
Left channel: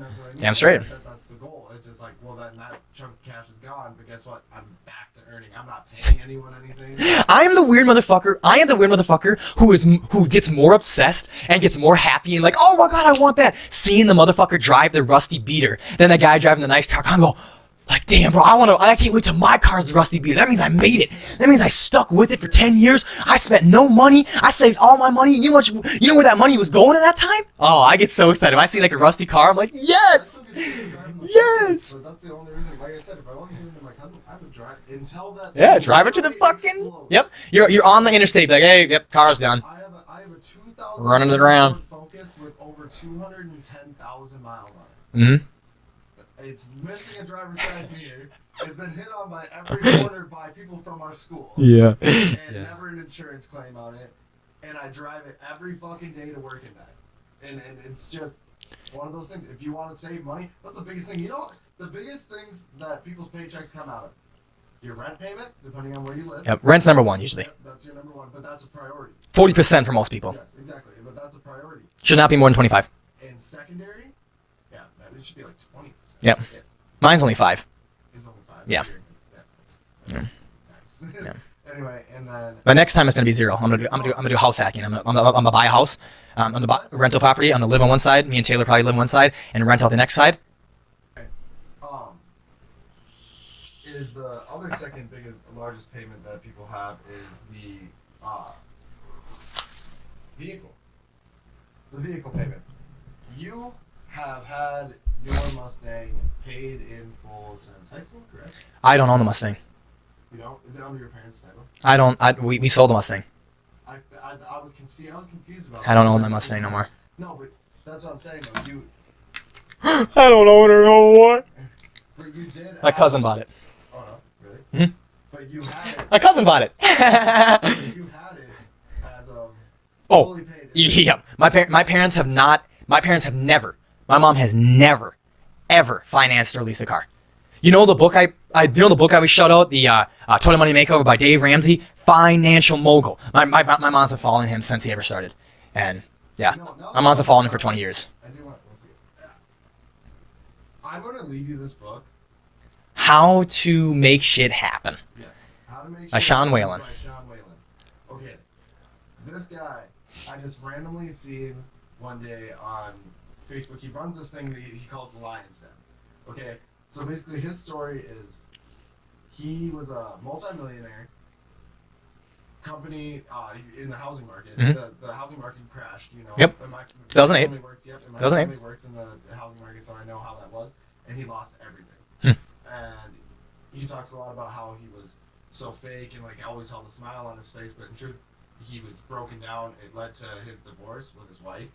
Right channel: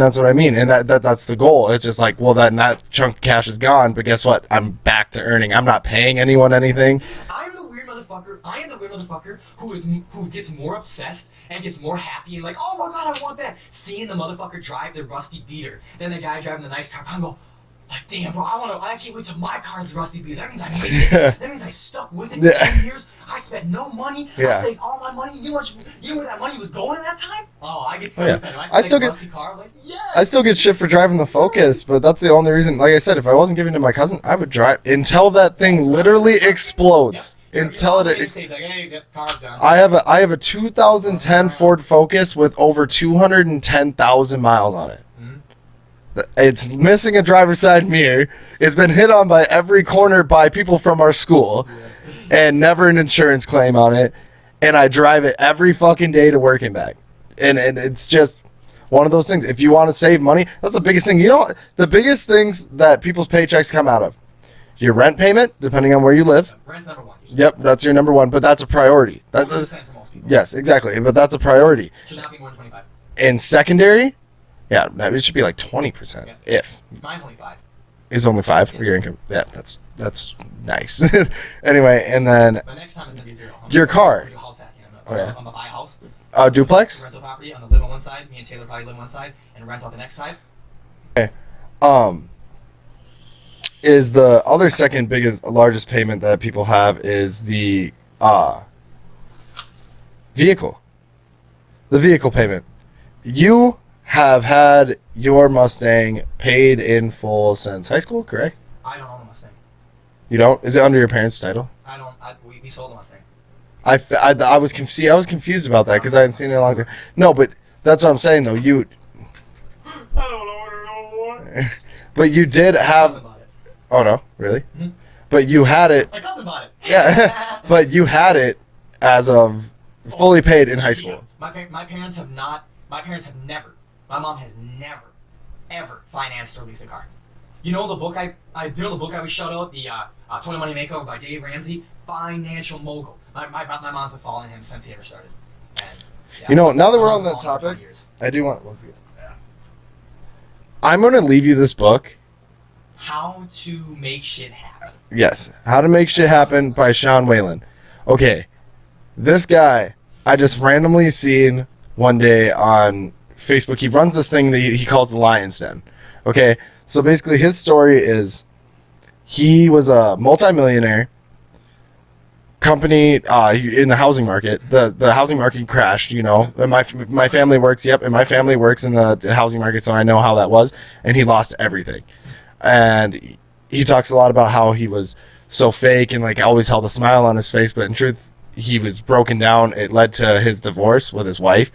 that's what I mean. And that's the goal. It's just like, well, then that chunk of cash is gone, but guess what? I'm back to earning. I'm not paying anyone anything. I am the weird motherfucker who gets more obsessed and gets more happy and like, oh my God, I want that. Seeing the motherfucker drive the rusty beater, then the guy driving the nice car, I go, like, damn, bro, I can't wait till my car's the rusty beater. That means I made it. That means I stuck with it for 10 years. I spent no money. I saved all my money. You know where that money was going at that time? Oh, I get so excited. If I see like a rusty car, I'm like, yes! I still get shit for driving the Focus, but that's the only reason. Like I said, if I wasn't giving it to my cousin, I would drive until that thing literally explodes. Yep. You're on the interstate, like, hey, yep, car's done. I have a 2010 Ford Focus with over 210,000 miles on it. Mm-hmm. It's missing a driver's side mirror. It's been hit on by every corner by people from our school. Yeah. And never an insurance claim on it. And I drive it every fucking day to work and back. And it's just one of those things. If you want to save money, that's the biggest thing. You know, the biggest things that people's paychecks come out of. Your rent payment, depending on where you live. Yep. Rent's number 1 usually. Yep, that's your number 1, but that's a priority. 40% for most people. Yes, exactly. But that's a priority. Should not be more than 25. And secondary, yeah, it should be like 20%. Yep. If. Mine's only 5. It's only 5 for your income. Yeah, that's nice. Anyway, and then. But next time it's going to be 0. Your car. I'm going to do house hacking. I'm going to buy a house. Duplex? Rental property. I'm going to live on one side. Me and Taylor probably live on one side and rent out the next side. Okay. Is the other second largest payment that people have is the vehicle. The vehicle payment. You have had your Mustang paid in full since high school, correct? I don't own the Mustang. You don't? Is it under your parents' title? I don't. We sold the Mustang. I was confused about that because I hadn't seen it longer. No, but that's what I'm saying though. I don't own it no more. But you did have. My cousin bought it. Oh no, really? Mm-hmm. But you had it. My cousin bought it. Yeah. But you had it as of fully paid in high school. Yeah. My parents have not. My parents have never. My mom has never, ever financed or leased a car. You know the book I would shout out, the Total Money Makeover by Dave Ramsey, financial mogul. My mom's have followed him since he ever started, and yeah, You know, now that my we're mom's on have followed that him for 20 topic, years. I do want. I'm gonna leave you this book. How to Make Shit Happen. Yes, How to Make Shit Sean Happen Whalen. by Sean Whalen. Okay, this guy I just randomly seen one day on Facebook. He runs this thing that he calls the Lion's Den. Okay, so basically his story is he was a multimillionaire. Company in the housing market. The housing market crashed, you know. Yep. And my family works. Yep, and my family works in the housing market, so I know how that was. And he lost everything. And he talks a lot about how he was so fake and like always held a smile on his face, but in truth, he was broken down. It led to his divorce with his wife,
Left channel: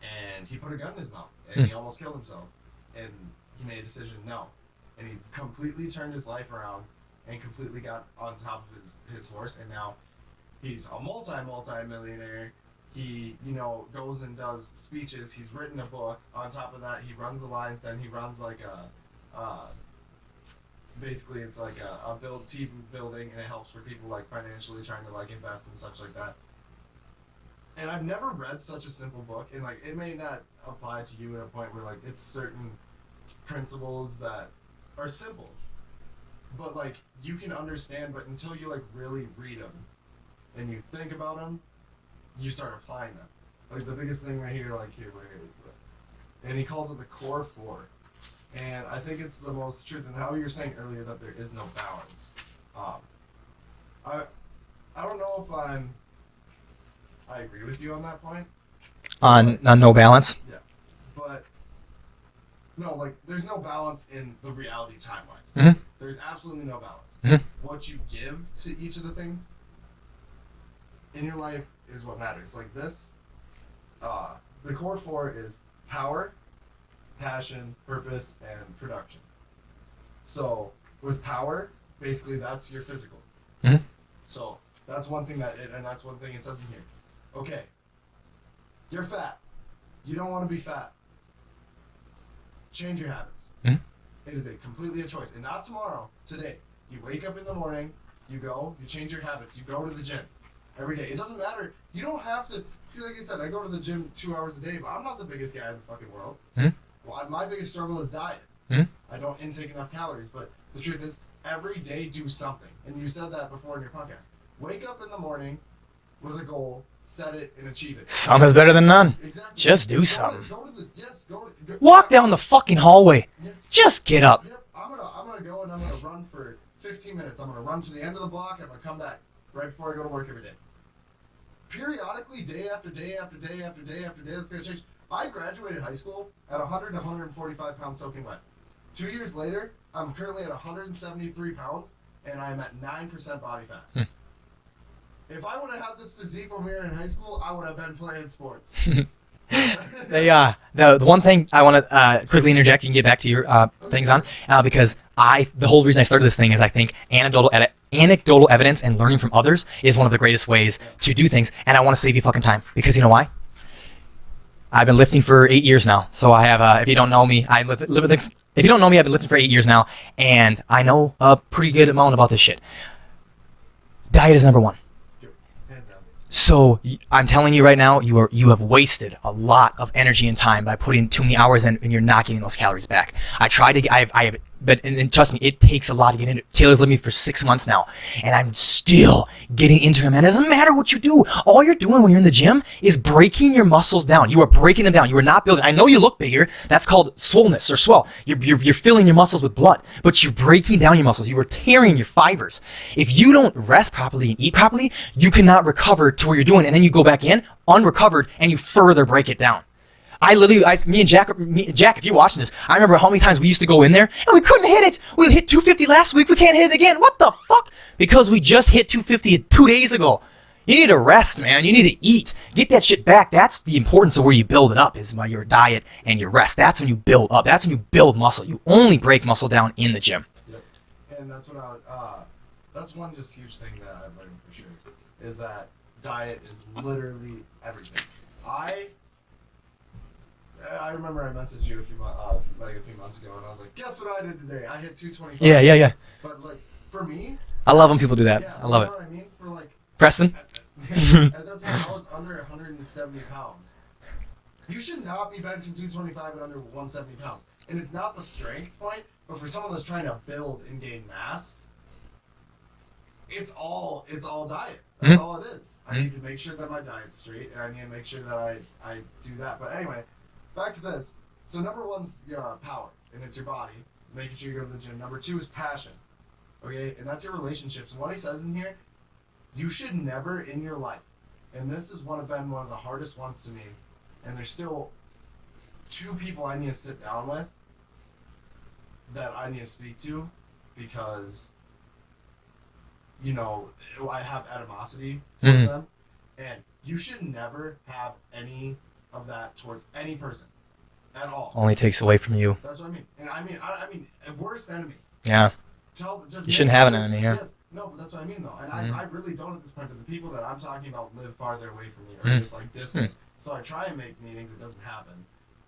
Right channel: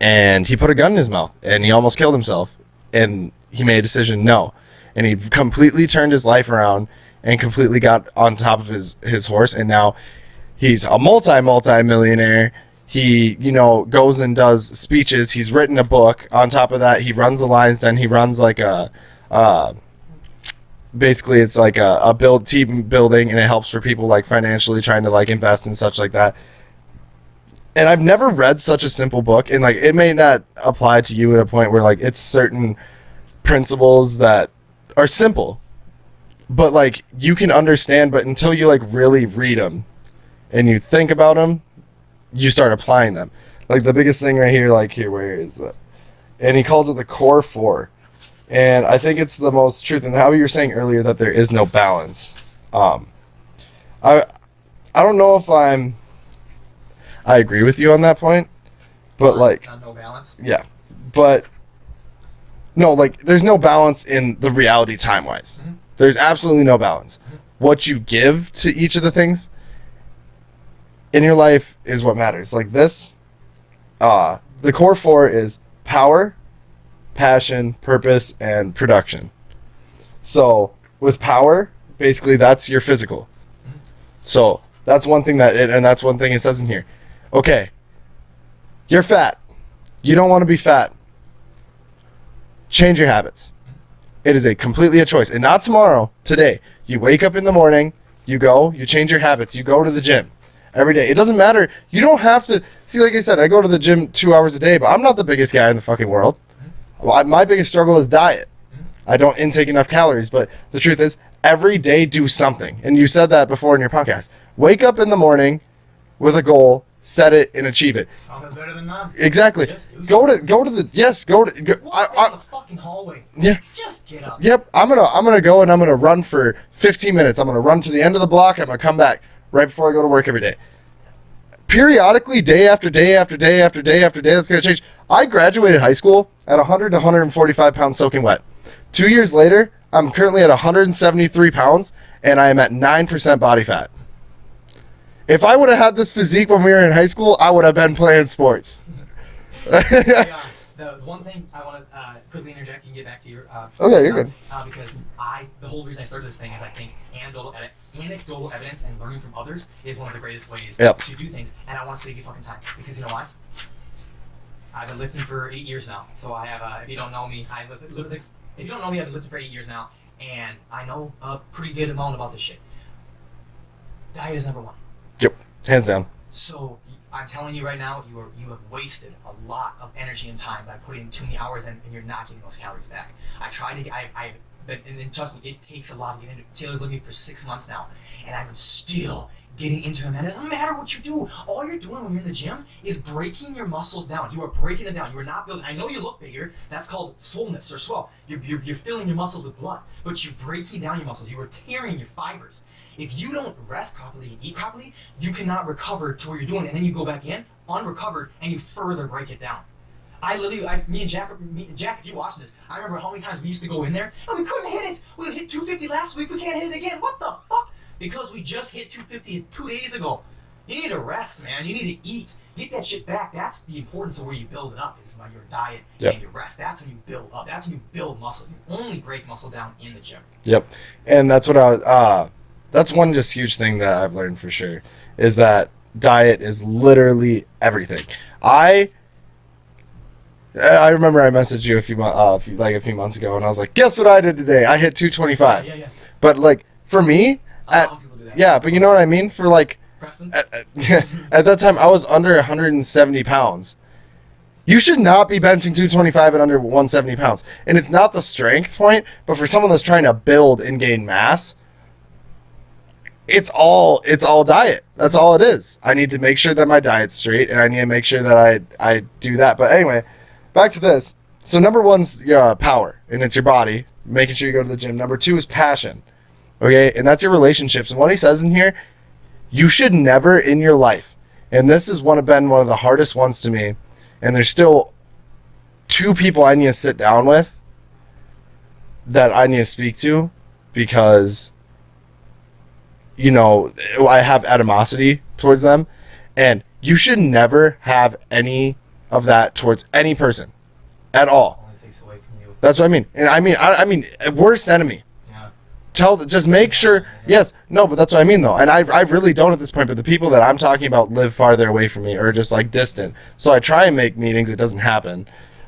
and he put a gun in his mouth and he almost killed himself. And he made a decision, no, and he completely turned his life around and completely got on top of his horse, and now he's a multi-millionaire. He, you know, goes and does speeches. He's written a book. On top of that, he runs the Lions Den. He runs like basically it's like a team building, and it helps for people like financially trying to like invest and such like that. And I've never read such a simple book, and like it may not apply to you at a point where like it's certain principles that are simple, but like you can understand, but until you like really read them and you think about them, you start applying them. Like the biggest thing right here, like here, where is that? And he calls it the core four. And I think it's the most truth. And how you were saying earlier that there is no balance. I don't know if I agree with you on that point, but on no balance. yeah, but no, like there's no balance in the reality time wise. Mm-hmm. There's absolutely no balance. Mm-hmm. What you give to each of the things in your life is what matters. Like this, the core four is power, passion, purpose, and production. So with power, basically that's your physical. Mm-hmm. So that's one thing and that's one thing it says in here. Okay, you're fat. You don't want to be fat. Change your habits. Mm-hmm. It is completely a choice. And not tomorrow, today. You wake up in the morning, you change your habits, you go to the gym every day. It doesn't matter. You don't have to. See, like I said, I go to the gym 2 hours a day, but I'm not the biggest guy in the fucking world. Mm-hmm. My biggest struggle is diet. Mm-hmm. I don't intake enough calories, but the truth is, every day do something. And you said that before in your podcast. Wake up in the morning with a goal, set it, and achieve it. Some is better than none. Exactly. Just do something. Walk down the fucking hallway. Yeah. Just get up. Yep. I'm gonna go and I'm gonna run for 15 minutes. I'm gonna run to the end of the block. I'm gonna come back right before I go to work every day. Periodically, day after day after day after day after day, that's gonna change. I graduated high school at 100 to 145 pounds soaking wet. 2 years later, I'm currently at 173 pounds and I am at 9% body fat. If I would have had this physique when we were in high school, I would have been playing sports. The one thing I want to quickly interject, you can get back to your things on, because the whole reason I started this thing is I think anecdotal evidence and learning from others is one of the greatest ways to do things, and I want to save you fucking time, because you know why? I've been lifting for 8 years now, so I have, if you don't know me, I've been lifting for 8 years now, and I know a pretty good amount about this shit. Diet is number one. Yep, hands down. So I'm telling you right now, you have wasted a lot of energy and time by putting too many hours in, and you're not getting those calories back. But trust me, it takes a lot to get into. Taylor's lived me for 6 months now, and I'm still getting into him. And it doesn't matter what you do. All you're doing when you're in the gym is breaking your muscles down. You are breaking them down. You are not building. I know you look bigger. That's called swollenness or swell. You're filling your muscles with blood, but you're breaking down your muscles. You are tearing your fibers. If you don't rest properly and eat properly, you cannot recover to where you're doing, and then you go back in unrecovered, and you further break it down. Me and Jack, if you're watching this, I remember how many times we used to go in there and we couldn't hit it. We hit 250 last week. We can't hit it again. What the fuck? Because we just hit 250 2 days ago. You need to rest, man. You need to eat. Get that shit back. That's the importance of where you build it up, is by your diet and your rest. That's when you build up. That's when you build muscle. You only break muscle down in the gym. Yep. And that's what that's one just huge thing that I've learned for sure, is that diet is literally everything. I remember I messaged you a few months ago, and I was like, "Guess what I did today? I hit 225." Yeah. But like for me, I love when people do that. Yeah, but you know what I mean? For like Preston. at that time, I was under 170 pounds. You should not be benching 225 at under 170 pounds. And it's not the strength point, but for someone that's trying to build and gain mass, it's all diet. That's all it is. I need to make sure that my diet's straight, and I need to make sure that I do that. But anyway, back to this. So number one's power, and it's your body, making sure you go to the gym. Number two is passion, okay? And that's your relationships. And what he says in here, you should never in your life, and this has been one of the hardest ones to me, and there's still 2 people I need to sit down with that I need to speak to because, you know, I have animosity towards them, and you should never have any of that towards any person at all. Only takes away from you. That's what I mean. And I mean worst enemy. Yeah. Just make sure. Yes, no, but that's what I mean though. And I really don't at this point. But the people that I'm talking about live farther away from me or just like distant. So I try and make meetings. It doesn't happen.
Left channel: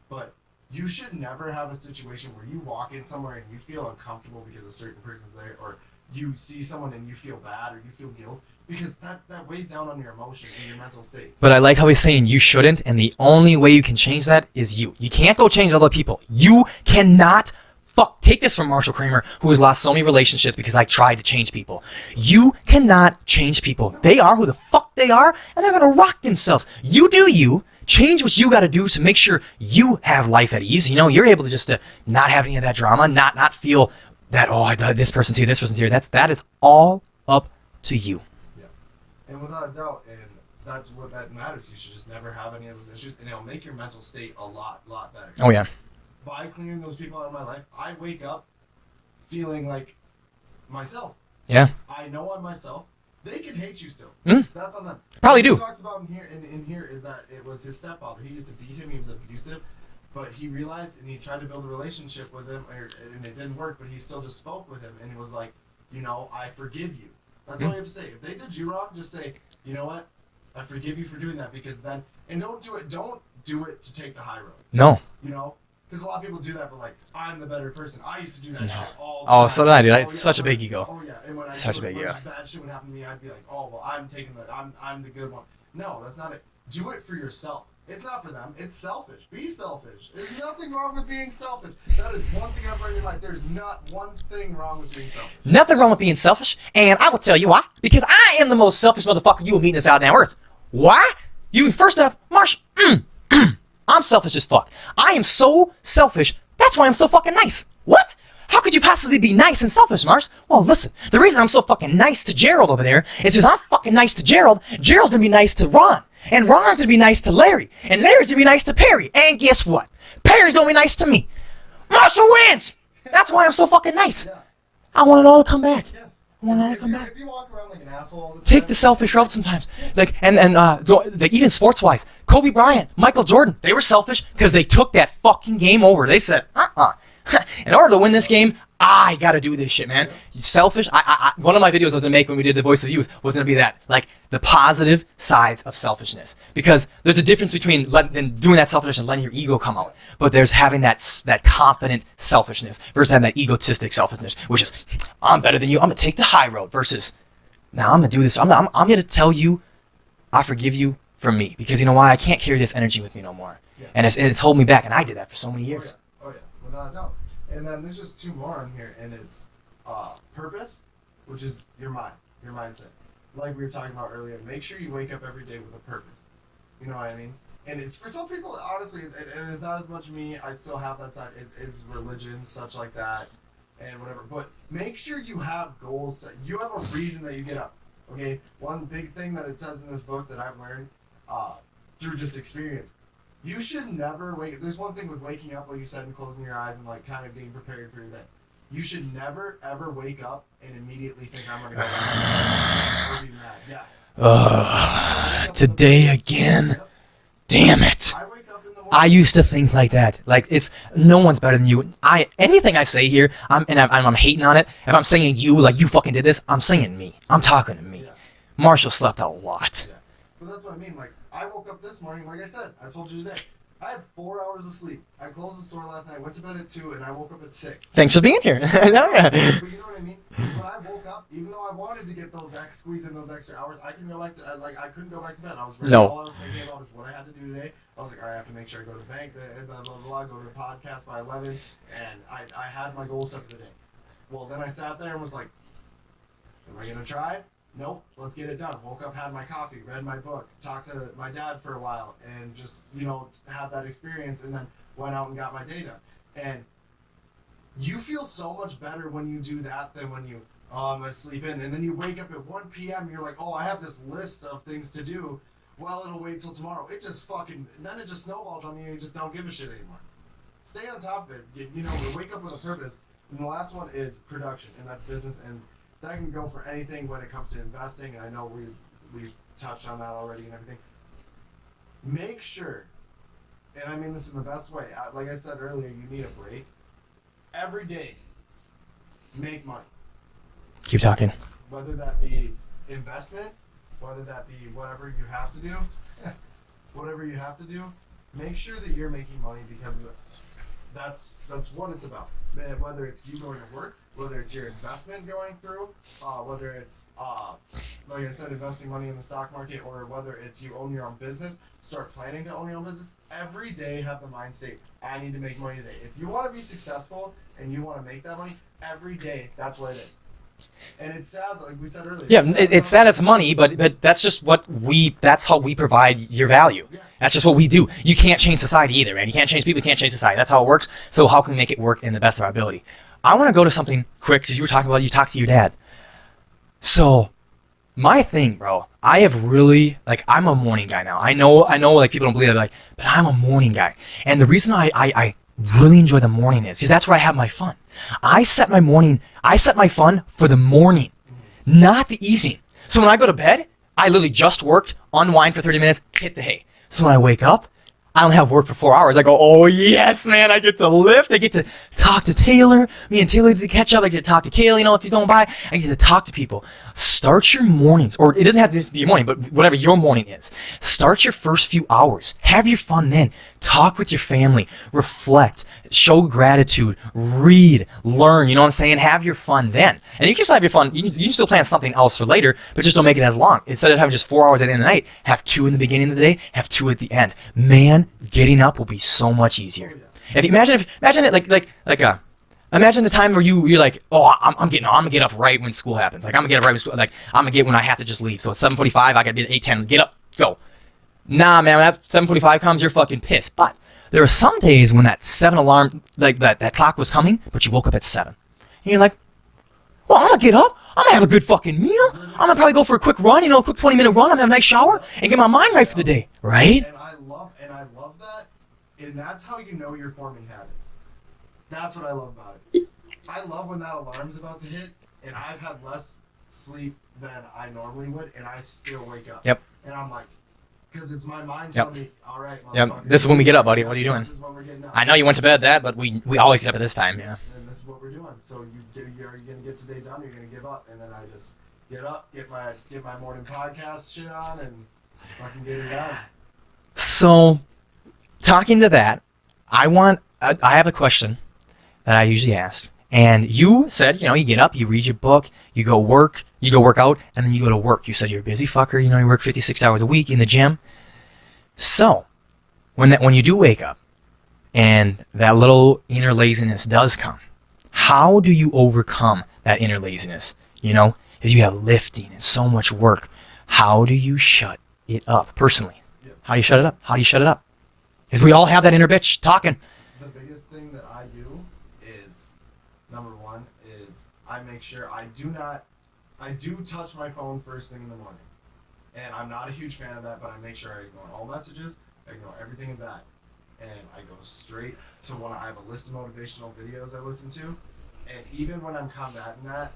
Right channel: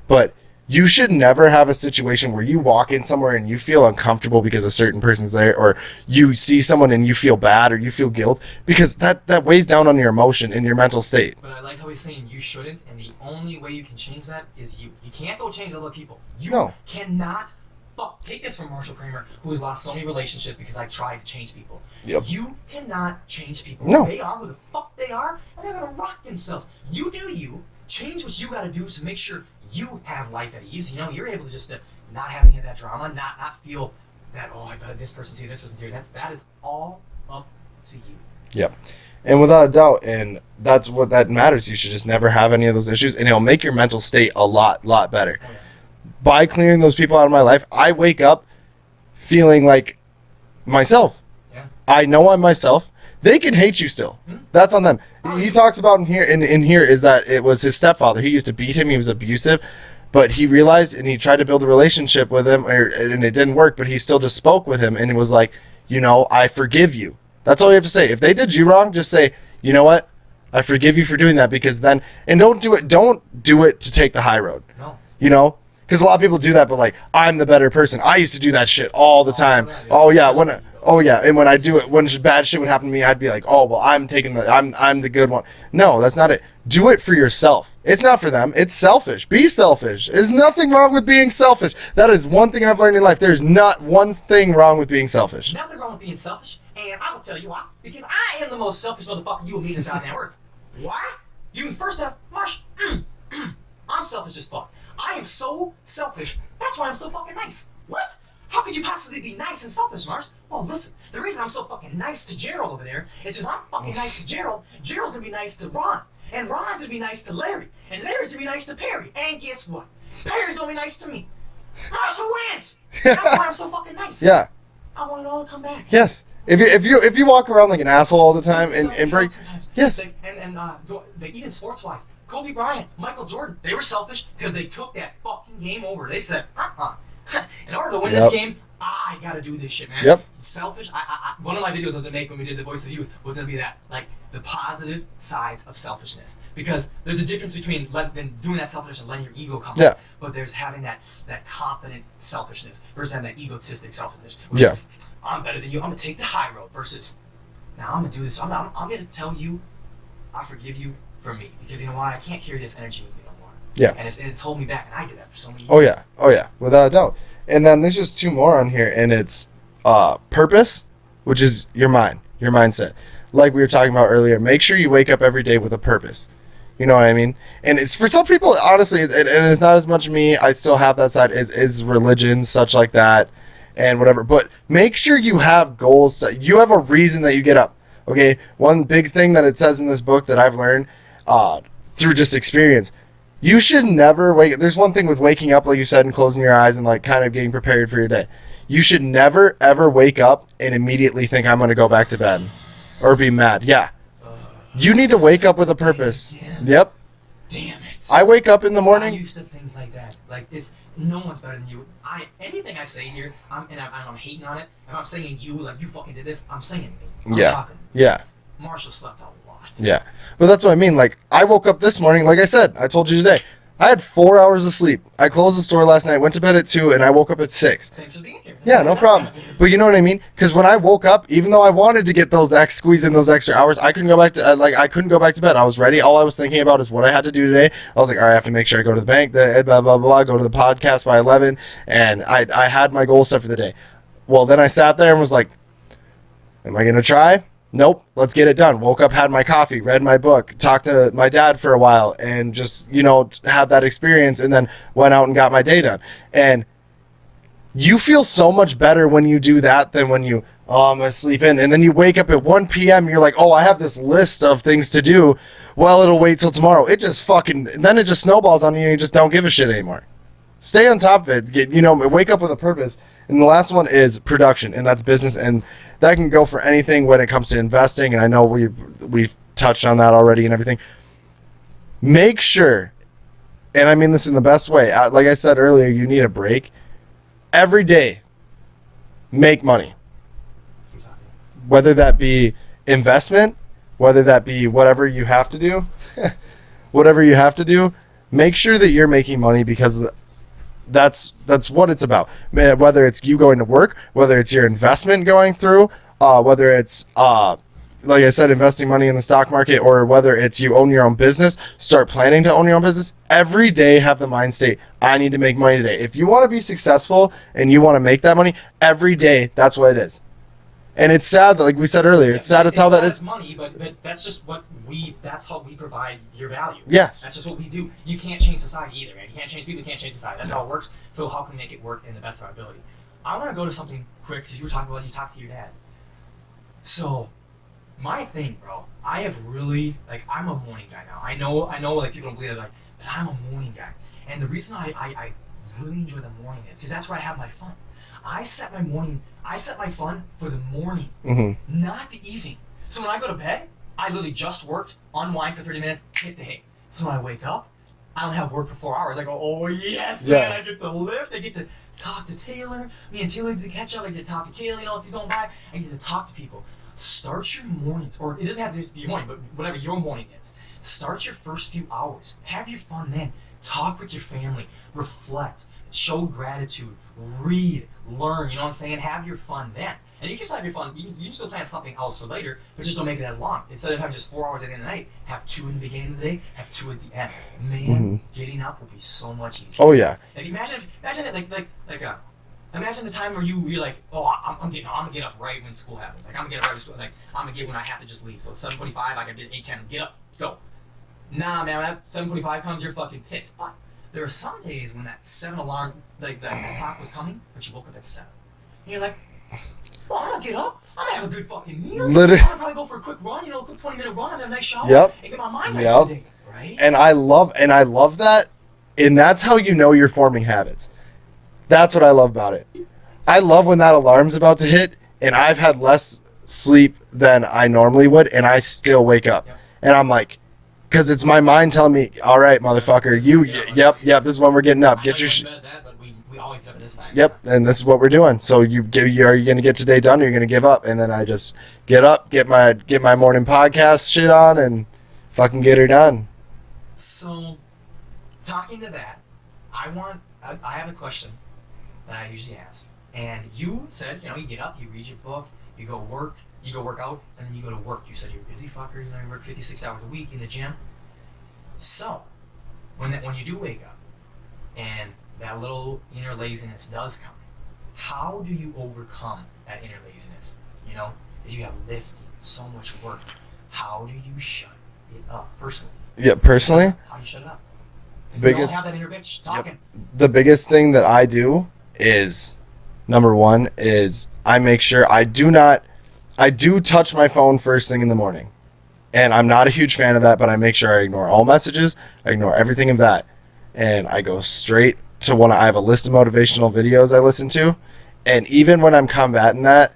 But you should never have a situation where you walk in somewhere and you feel uncomfortable because a certain person's there, or you see someone and you feel bad or you feel guilt, because that weighs down on your emotion and your mental state. But I like how he's saying you shouldn't, and the only way you can change that is you. You can't go change other people. You cannot. Take this from Marshal Kramer, who has lost so many relationships because I tried to change people. Yep. You cannot change people. No. They are who the fuck they are, and they're going to rock themselves. You do you. Change what you got to do to make sure you have life at ease. You know, you're able to just not have any of that drama, not feel that, this person's here, this person's here. That is all up to you. Yep. And without a doubt, and that's what that matters. You should just never have any of those issues, and it'll make your mental state a lot better. Oh, yeah. By clearing those people out of my life, I wake up feeling like myself. Yeah. I know I'm myself. They can hate you still. That's on them. Probably He talks about in here is that it was his stepfather. He used to beat him. He was abusive. But he realized, and he tried to build a relationship with him, and it didn't work, but he still just spoke with him, and it was like, you know, I forgive you. That's all you have to say. If they did you wrong, just say, you know what? I forgive you for doing that, because then, and don't do it to take the high road. No. You know? Because a lot of people do that, but like, I'm the better person. I used to do that shit all the time. So did I, dude. Oh yeah, such a big ego. Oh yeah, and when I do it, when bad shit would happen to me, I'd be like, oh well, I'm the good one. No, that's not it. Do it for yourself. It's not for them. It's selfish. Be selfish. There's nothing wrong with being selfish. That is one thing I've learned in life. There's not one thing wrong with being selfish. Nothing wrong with being selfish, and I will tell you why. Because I am the most selfish motherfucker you will meet in this goddamn earth. Why? You first off, Marsh. I'm selfish as fuck. I am so selfish. That's why I'm so fucking nice. What? How could you possibly be nice and selfish, Mars? Well, listen, the reason I'm so fucking nice to Gerald over there is because I'm fucking nice to Gerald. Gerald's gonna be nice to Ron. And Ron's gonna be nice to Larry. And Larry's gonna be nice to Perry. And guess what? Perry's gonna be nice to me. Marshall wins! That's why I'm so fucking nice. Yeah. I want it all to come back. Yes. If you walk around like an asshole all the time, take the selfish route sometimes. Yes. Like even sports wise, Kobe Bryant, Michael Jordan, they were selfish because they took that fucking game over. They said, in order to win this game, I gotta do this shit, man. Yep. Selfish. One of my videos I was gonna make when we did the Voice of the Youth was gonna be that, like the positive sides of selfishness, because there's a difference between doing that selfishness and letting your ego come up. But there's having that confident selfishness versus having that egotistic selfishness, which is I'm better than you. I'm gonna take the high road versus now I'm gonna do this. I'm gonna tell you I forgive you from me, because you know why? I can't carry this energy with me no more. Yeah. And it's holding me back, and I did that for so many years. Oh yeah, without a doubt. And then there's just 2 more on here, and it's purpose, which is your mindset. Like we were talking about earlier, make sure you wake up every day with a purpose. You know what I mean? And it's for some people, honestly, and it's not as much me. I still have that side, is religion, such like that, and whatever. But make sure you have goals. You have a reason that you get up. Okay? One big thing that it says in this book that I've learned through just experience, you should never wake. There's one thing with waking up, like you said, and closing your eyes and like kind of getting prepared for your day. You should never ever wake up and immediately think I'm going to go back to bed or be mad. Yeah. You need to wake up with a purpose. Again. Yep. Damn it. I wake up in the morning. I used to think like that. Like it's no one's better than you. Anything I say here, I'm hating on it. If I'm saying you, like you fucking did this, I'm saying me. I'm talking to me. Yeah. Marshall slept a lot. Yeah. But that's what I mean. Like, I woke up this morning, like I said, I told you today, I had 4 hours of sleep. I closed the store last night, went to bed at 2, and I woke up at 6. Thanks for being here. Yeah, no problem. But you know what I mean? Because when I woke up, even though I wanted to get squeeze in those extra hours, I couldn't go back to I couldn't go back to bed. I was ready. No. All I was thinking about is what I had to do today. I was like, all right, I have to make sure I go to the bank, blah blah blah, blah, go to the podcast by 11, and I had my goal set for the day. Well, then I sat there and was like, am I gonna try? Nope, let's get it done. Woke up, had my coffee, read my book, talked to my dad for a while, and just, had that experience, and then went out and got my day done. And you feel so much better when you do that than when I'm going to sleep in. And then you wake up at 1 p.m., you're like, oh, I have this list of things to do. Well, it'll wait till tomorrow. Then it just snowballs on you, and you just don't give a shit anymore. Stay on top of it. Wake up with a purpose. And the last one is production, and that's business, and that can go for anything when it comes to investing, and I know we've touched on that already and everything. Make sure, and I mean this in the best way, like I said earlier, you need a break. Every day, make money. Keep talking. Whether that be investment, whether that be whatever you have to do, make sure that you're making money, because that's what it's about. Whether it's you going to work, whether it's your investment going through, whether it's like I said, investing money in the stock market, or whether it's you own your own business, start planning to own your own business. Every day have the mind state, I need to make money today. If you want to be successful and you want to make that money, every day, that's what it is. And it's sad that, like we said earlier, it's sad it's money, but that's just that's how we provide your value. Yeah. That's just what we do. You can't change society either, man. You can't change people, you can't change society. That's how it works. So how can we make it work in the best of our ability? I want to go to something quick, because you were talking about, you talked to your dad. So my thing, bro, I have really, I'm a morning guy now. I know, like, people don't believe it, but I'm a morning guy. And the reason I really enjoy the morning is because that's where I have my fun. I set my fun for the morning, not the evening. So when I go to bed, I literally just worked, unwind for 30 minutes, hit the hay. So when I wake up, I don't have work for 4 hours. I go, oh yes, man, I get to lift. I get to talk to Taylor. Me and Taylor get to catch up. I get to talk to Kayla, if he's going by. I get to talk to people. Start your mornings, or it doesn't have to be your morning, but whatever your morning is. Start your first few hours. Have your fun then. Talk with your family. Reflect. Show gratitude. Read. Learn. You know what I'm saying? Have your fun then. And you can still have your fun. You can still plan something else for later, but just don't make it as long. Instead of having just 4 hours at the end of the night, have 2 in the beginning of the day, have 2 at the end. Man, getting up will be so much easier. Oh yeah. Imagine it imagine the time where you're like, oh, I'm gonna get up right when school happens. I'm gonna get up right when school. I'm gonna get when I have to just leave. So it's 7:45. I gotta be at 8:10. Get up, go. Nah, man. When that 7:45 comes, you're fucking pissed. But there are some days when that 7 alarm, that clock was coming, but you woke up at 7, and you're like, well, I'm gonna get up. I'm gonna have a good fucking meal. Literally. I'm gonna probably go for a quick run, a quick 20-minute run. I'm gonna have a nice shower and get my mind right for the day, right? And I love that, and that's how you know you're forming habits. That's what I love about it. I love when that alarm's about to hit, and I've had less sleep than I normally would, and I still wake up. Yep. And I'm like, because it's my mind telling me, all right, motherfucker. This is when we get up, buddy. What are you doing? This is when we're getting up. I know you went to bed but we always get up at this time. Yep, and this is what we're doing. So are you going to get today done, or you're going to give up? And then I just get up, get my morning podcast shit on, and fucking get her done. So, talking to that, I have a question that I usually ask. And you said, you get up, you read your book, you go work out, and then you go to work. You said you're a busy fucker, you work 56 hours a week in the gym. So, when you do wake up, and that little inner laziness does come, how do you overcome that inner laziness? Because you have lifting and so much work. How do you shut it up, personally? Yeah, personally? How do you shut it up? Because we all have that inner bitch talking. The biggest thing that I do is... Number one is I make sure I do touch my phone first thing in the morning. And I'm not a huge fan of that, but I make sure I ignore all messages. I ignore everything of that. And I go straight to I have a list of motivational videos I listen to. And even when I'm combating that,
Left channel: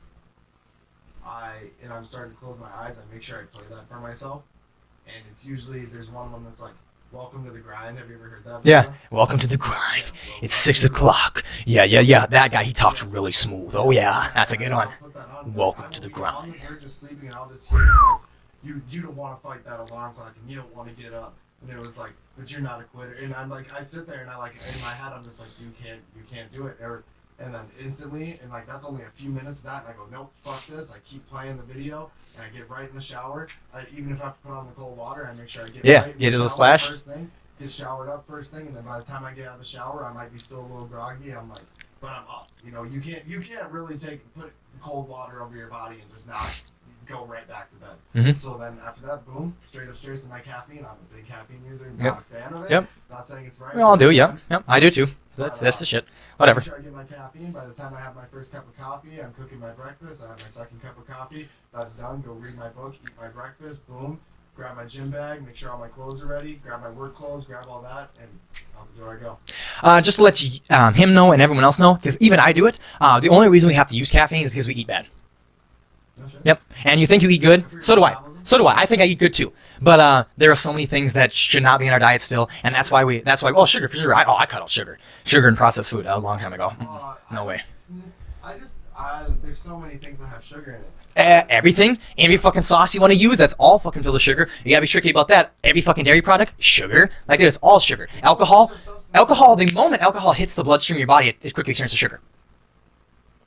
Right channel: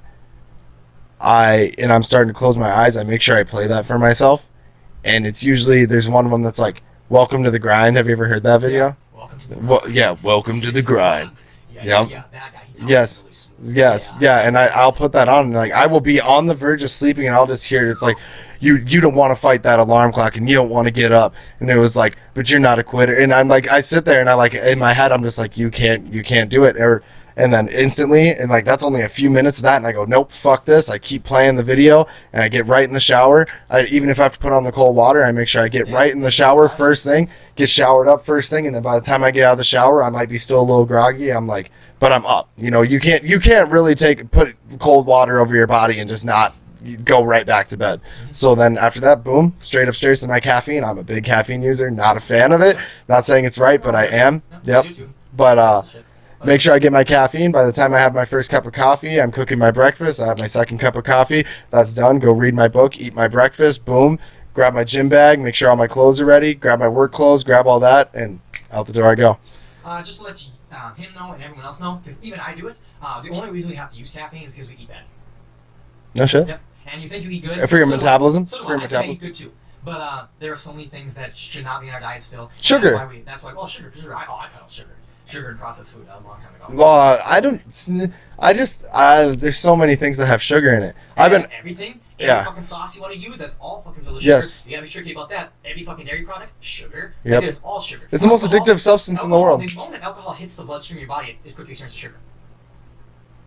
I'm starting to close my eyes, I make sure I play that for myself. And it's usually, there's one of them that's like, Welcome to the Grind. Have you ever heard that video? Yeah. Welcome to the Grind. Welcome it's to 6 the Grind. o'clock. Yeah. That guy, he talks really smooth. Yes, and I'll put that on, and I'll be on the verge of sleeping, and I'll just hear it. It's like, you don't want to fight that alarm clock and you don't want to get up. And it was like, but you're not a quitter. And I'm like, I sit there and I like, in my head, I'm just like, you can't do it. And then instantly, and like that's only a few minutes of that, and I go, nope, fuck this. I keep playing the video, and I get right in the shower. Even if I have to put on the cold water, I make sure I get right in the shower first thing, get showered up first thing, and then by the time I get out of the shower, I might be still a little groggy. I'm like, but I'm up. You know, you can't really put cold water over your body and just not go right back to bed. So then after that, boom, straight upstairs to my caffeine. I'm a big caffeine user, not a fan of it. Yep. Not saying it's right, but I am. Yep. I do too. But that's the shit. Whatever. Make sure I get my caffeine. By the time I have my first cup of coffee, I'm cooking my breakfast. I have my second cup of coffee. That's done. Go read my book, eat my breakfast. Boom. Grab my gym bag. Make sure all my clothes are ready. Grab my work clothes. Grab all that, and out the door I go. Just to let him know and everyone else know, because even I do it. The only reason we have to use caffeine is because we eat bad. No shit. Yep. And you think you eat good? For your metabolism? So do I. I think I eat good too. But there are so many things that should not be in our diet still, and sugar. that's why. Well, sugar for sure. I cut out sugar and processed food a long time ago. There's so many things that have sugar in it. Everything, every fucking sauce you want to use, that's all fucking filled with sugar. Yes. You gotta be tricky about that. Every fucking dairy product, sugar. Yep. Like it's all sugar. It's the most addictive substance in the world. The moment alcohol hits the bloodstream of your body, it quickly turns to sugar.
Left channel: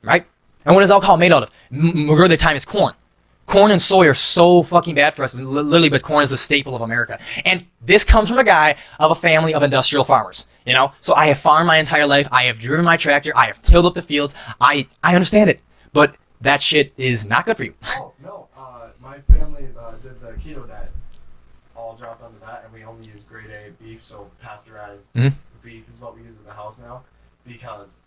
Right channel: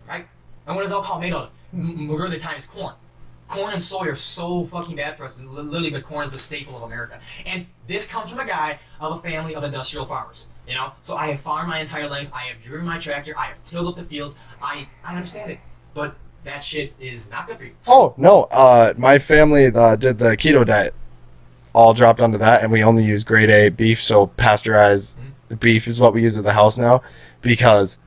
Right? And what is alcohol made out of? Majority of the time, it's corn. Corn and soy are so fucking bad for us, literally, but corn is a staple of America. And this comes from a guy of a family of industrial farmers, you know? So I have farmed my entire life. I have driven my tractor. I have tilled up the fields. I understand it, but that shit is not good for you. Oh, no. My family did the keto diet. All dropped onto that, and we only use grade A beef, so pasteurized beef is what we use at the house now, because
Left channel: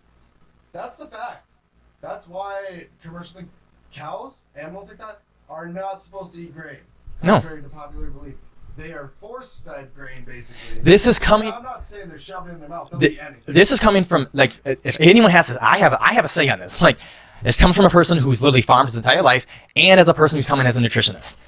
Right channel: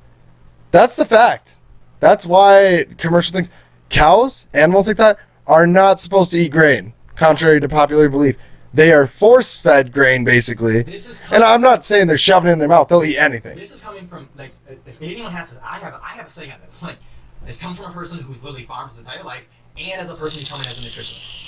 that's the fact. That's why commercial things, cows, animals like that, are not supposed to eat grain, contrary to popular belief. They are force-fed grain, basically. This is coming. And I'm not saying they're shoving it in their mouth. They'll eat anything. This is coming from, like, if anyone has this, I have a say on this. Like, this comes from a person who's literally farmed his entire life, and as a person who's coming as a nutritionist.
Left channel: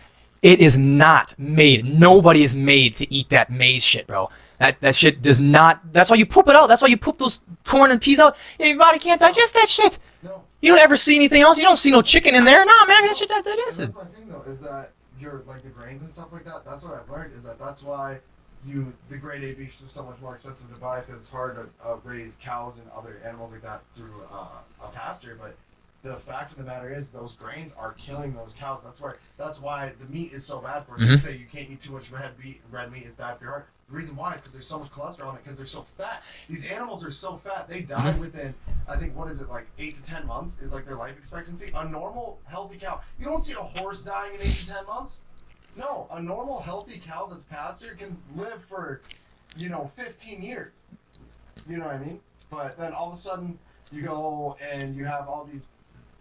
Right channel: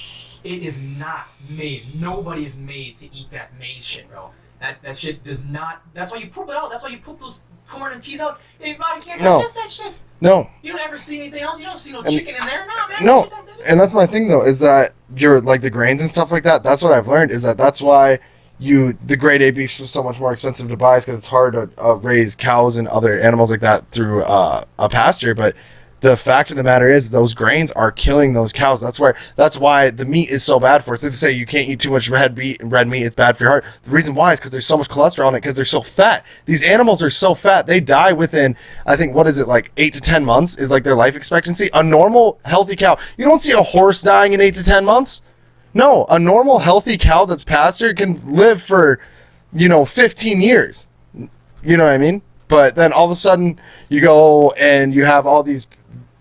It is not made. Nobody is made to eat that maize shit, bro. That shit does not. That's why you poop it out. That's why you poop those corn and peas out. Your body can't digest that shit. No. You don't ever see anything else. You don't see no chicken in there. Nah, man. No. That shit, and that's my thing, though, is that you're like the grains and stuff like that. That's what I've learned, is that's why the grade A beef is so much more expensive to buy, because it's hard to raise cows and other animals like that through a pasture. But the fact of the matter is, those grains are killing those cows. That's why the meat is so bad for us. They say you can't eat too much red meat. It's bad for your heart. The reason why is because there's so much cholesterol in it, because they're so fat. These animals are so fat. They die within, I think, what is it, like 8 to 10 months is like their life expectancy. A normal, healthy cow. You don't see a horse dying in 8 to 10 months. No, a normal, healthy cow that's pastured can live for, 15 years. You know what I mean? But then all of a sudden, you go and you have all these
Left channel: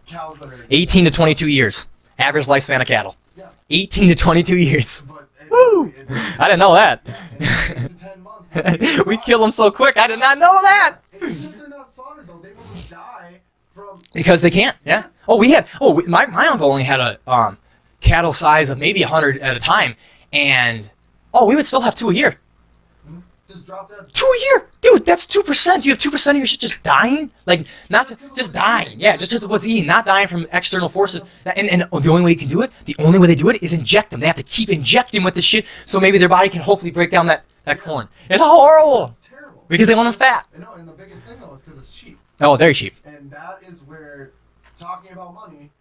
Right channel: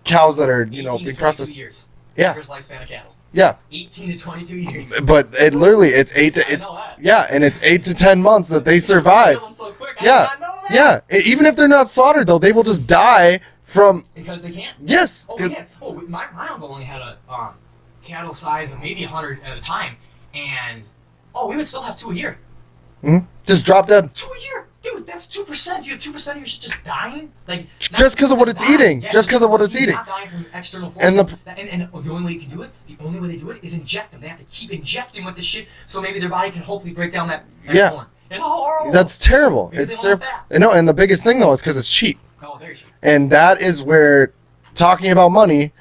cows that are 18 to 22 years. Average lifespan of cattle. Yeah. 18 to 22 years. But it literally, it's 8 to... I didn't know that. Yeah, and it's 8 to 10 months that they survive. We kill them so quick. I did not know that. Yeah. Even if they're not slaughtered, though, they will just die from... Because they can't. Yeah. Yes. My uncle only had a cattle size of maybe 100 at a time. And, we would still have 2 a year. Mm-hmm. Just drop dead. 2 a year. Dude, that's 2%. You have 2% of your shit just dying? Like, just because of what it's eating. Yeah, just because of what it's eating. Not dying from external forces. And the only way you can do it, is inject them. They have to keep injecting with this shit, so maybe their body can hopefully break down that corn. It's horrible. That's terrible. Because they want the fat. No, and the biggest thing, though, is because it's cheap. Oh, very cheap. And that is where, talking about money,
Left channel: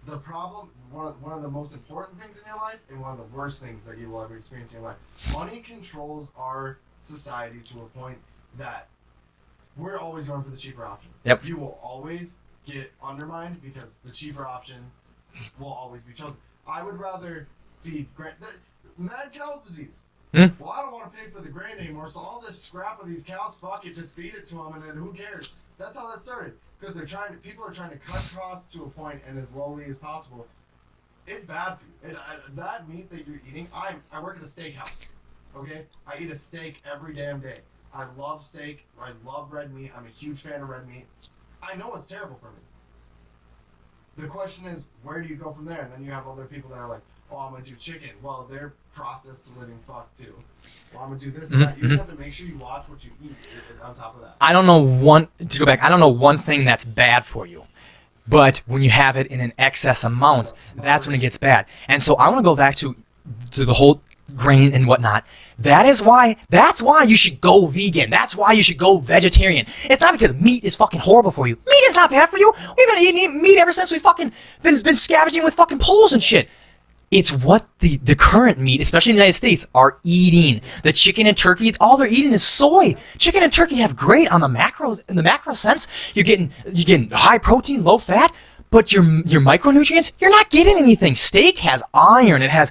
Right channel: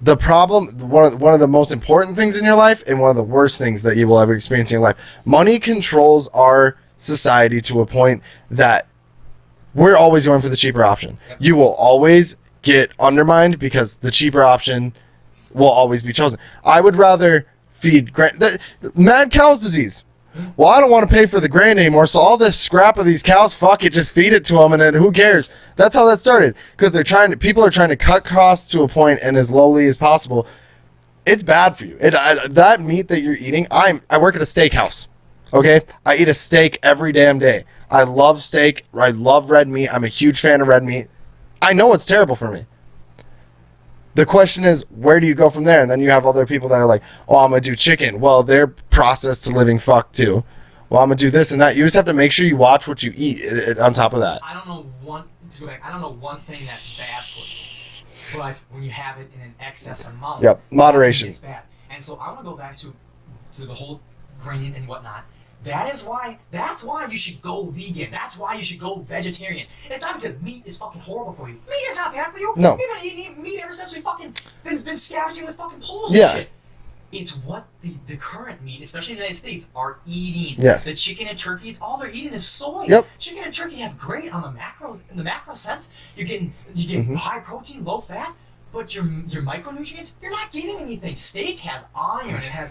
the problem, one of the most important things in your life and one of the worst things that you will ever experience in your life, money controls our society to a point that we're always going for the cheaper option. Yep. You will always get undermined because the cheaper option will always be chosen. I would rather feed mad cow's disease. Well, I don't want to pay for the grain anymore, so all this scrap of these cows, fuck it, just feed it to them, and then who cares? That's how that started, because people are trying to cut costs to a point and as lowly as possible. It's bad for you. That meat that you're eating, I work at a steakhouse. Okay, I eat a steak every damn day. I love steak. I love red meat. I'm a huge fan of red meat. I know it's terrible for me. The question is, where do you go from there? And then you have other people that are like, I'm going to do chicken. Well, they're processed to living fuck too. Well, I'm going to do this and that. You just have to make sure you watch what you eat on top of that. I don't know one thing that's bad for you. But when you have it in an excess amount, Yep. that's when it Moderation. gets bad. And so I want to go back to the whole grain and whatnot. That's why you should go vegan. That's why you should go vegetarian. It's not because meat is fucking horrible for you. Meat is not bad for you. No. We've been eating meat ever since we fucking been scavenging with fucking poles and Yeah. shit. It's what the current meat, especially in the United States, are eating. Yes. The chicken and turkey, all they're eating is soy. Yep. Chicken and turkey have great on the macros. In the macro sense, you're getting high protein, low fat. But your micronutrients, you're not getting anything. Steak has iron. It has,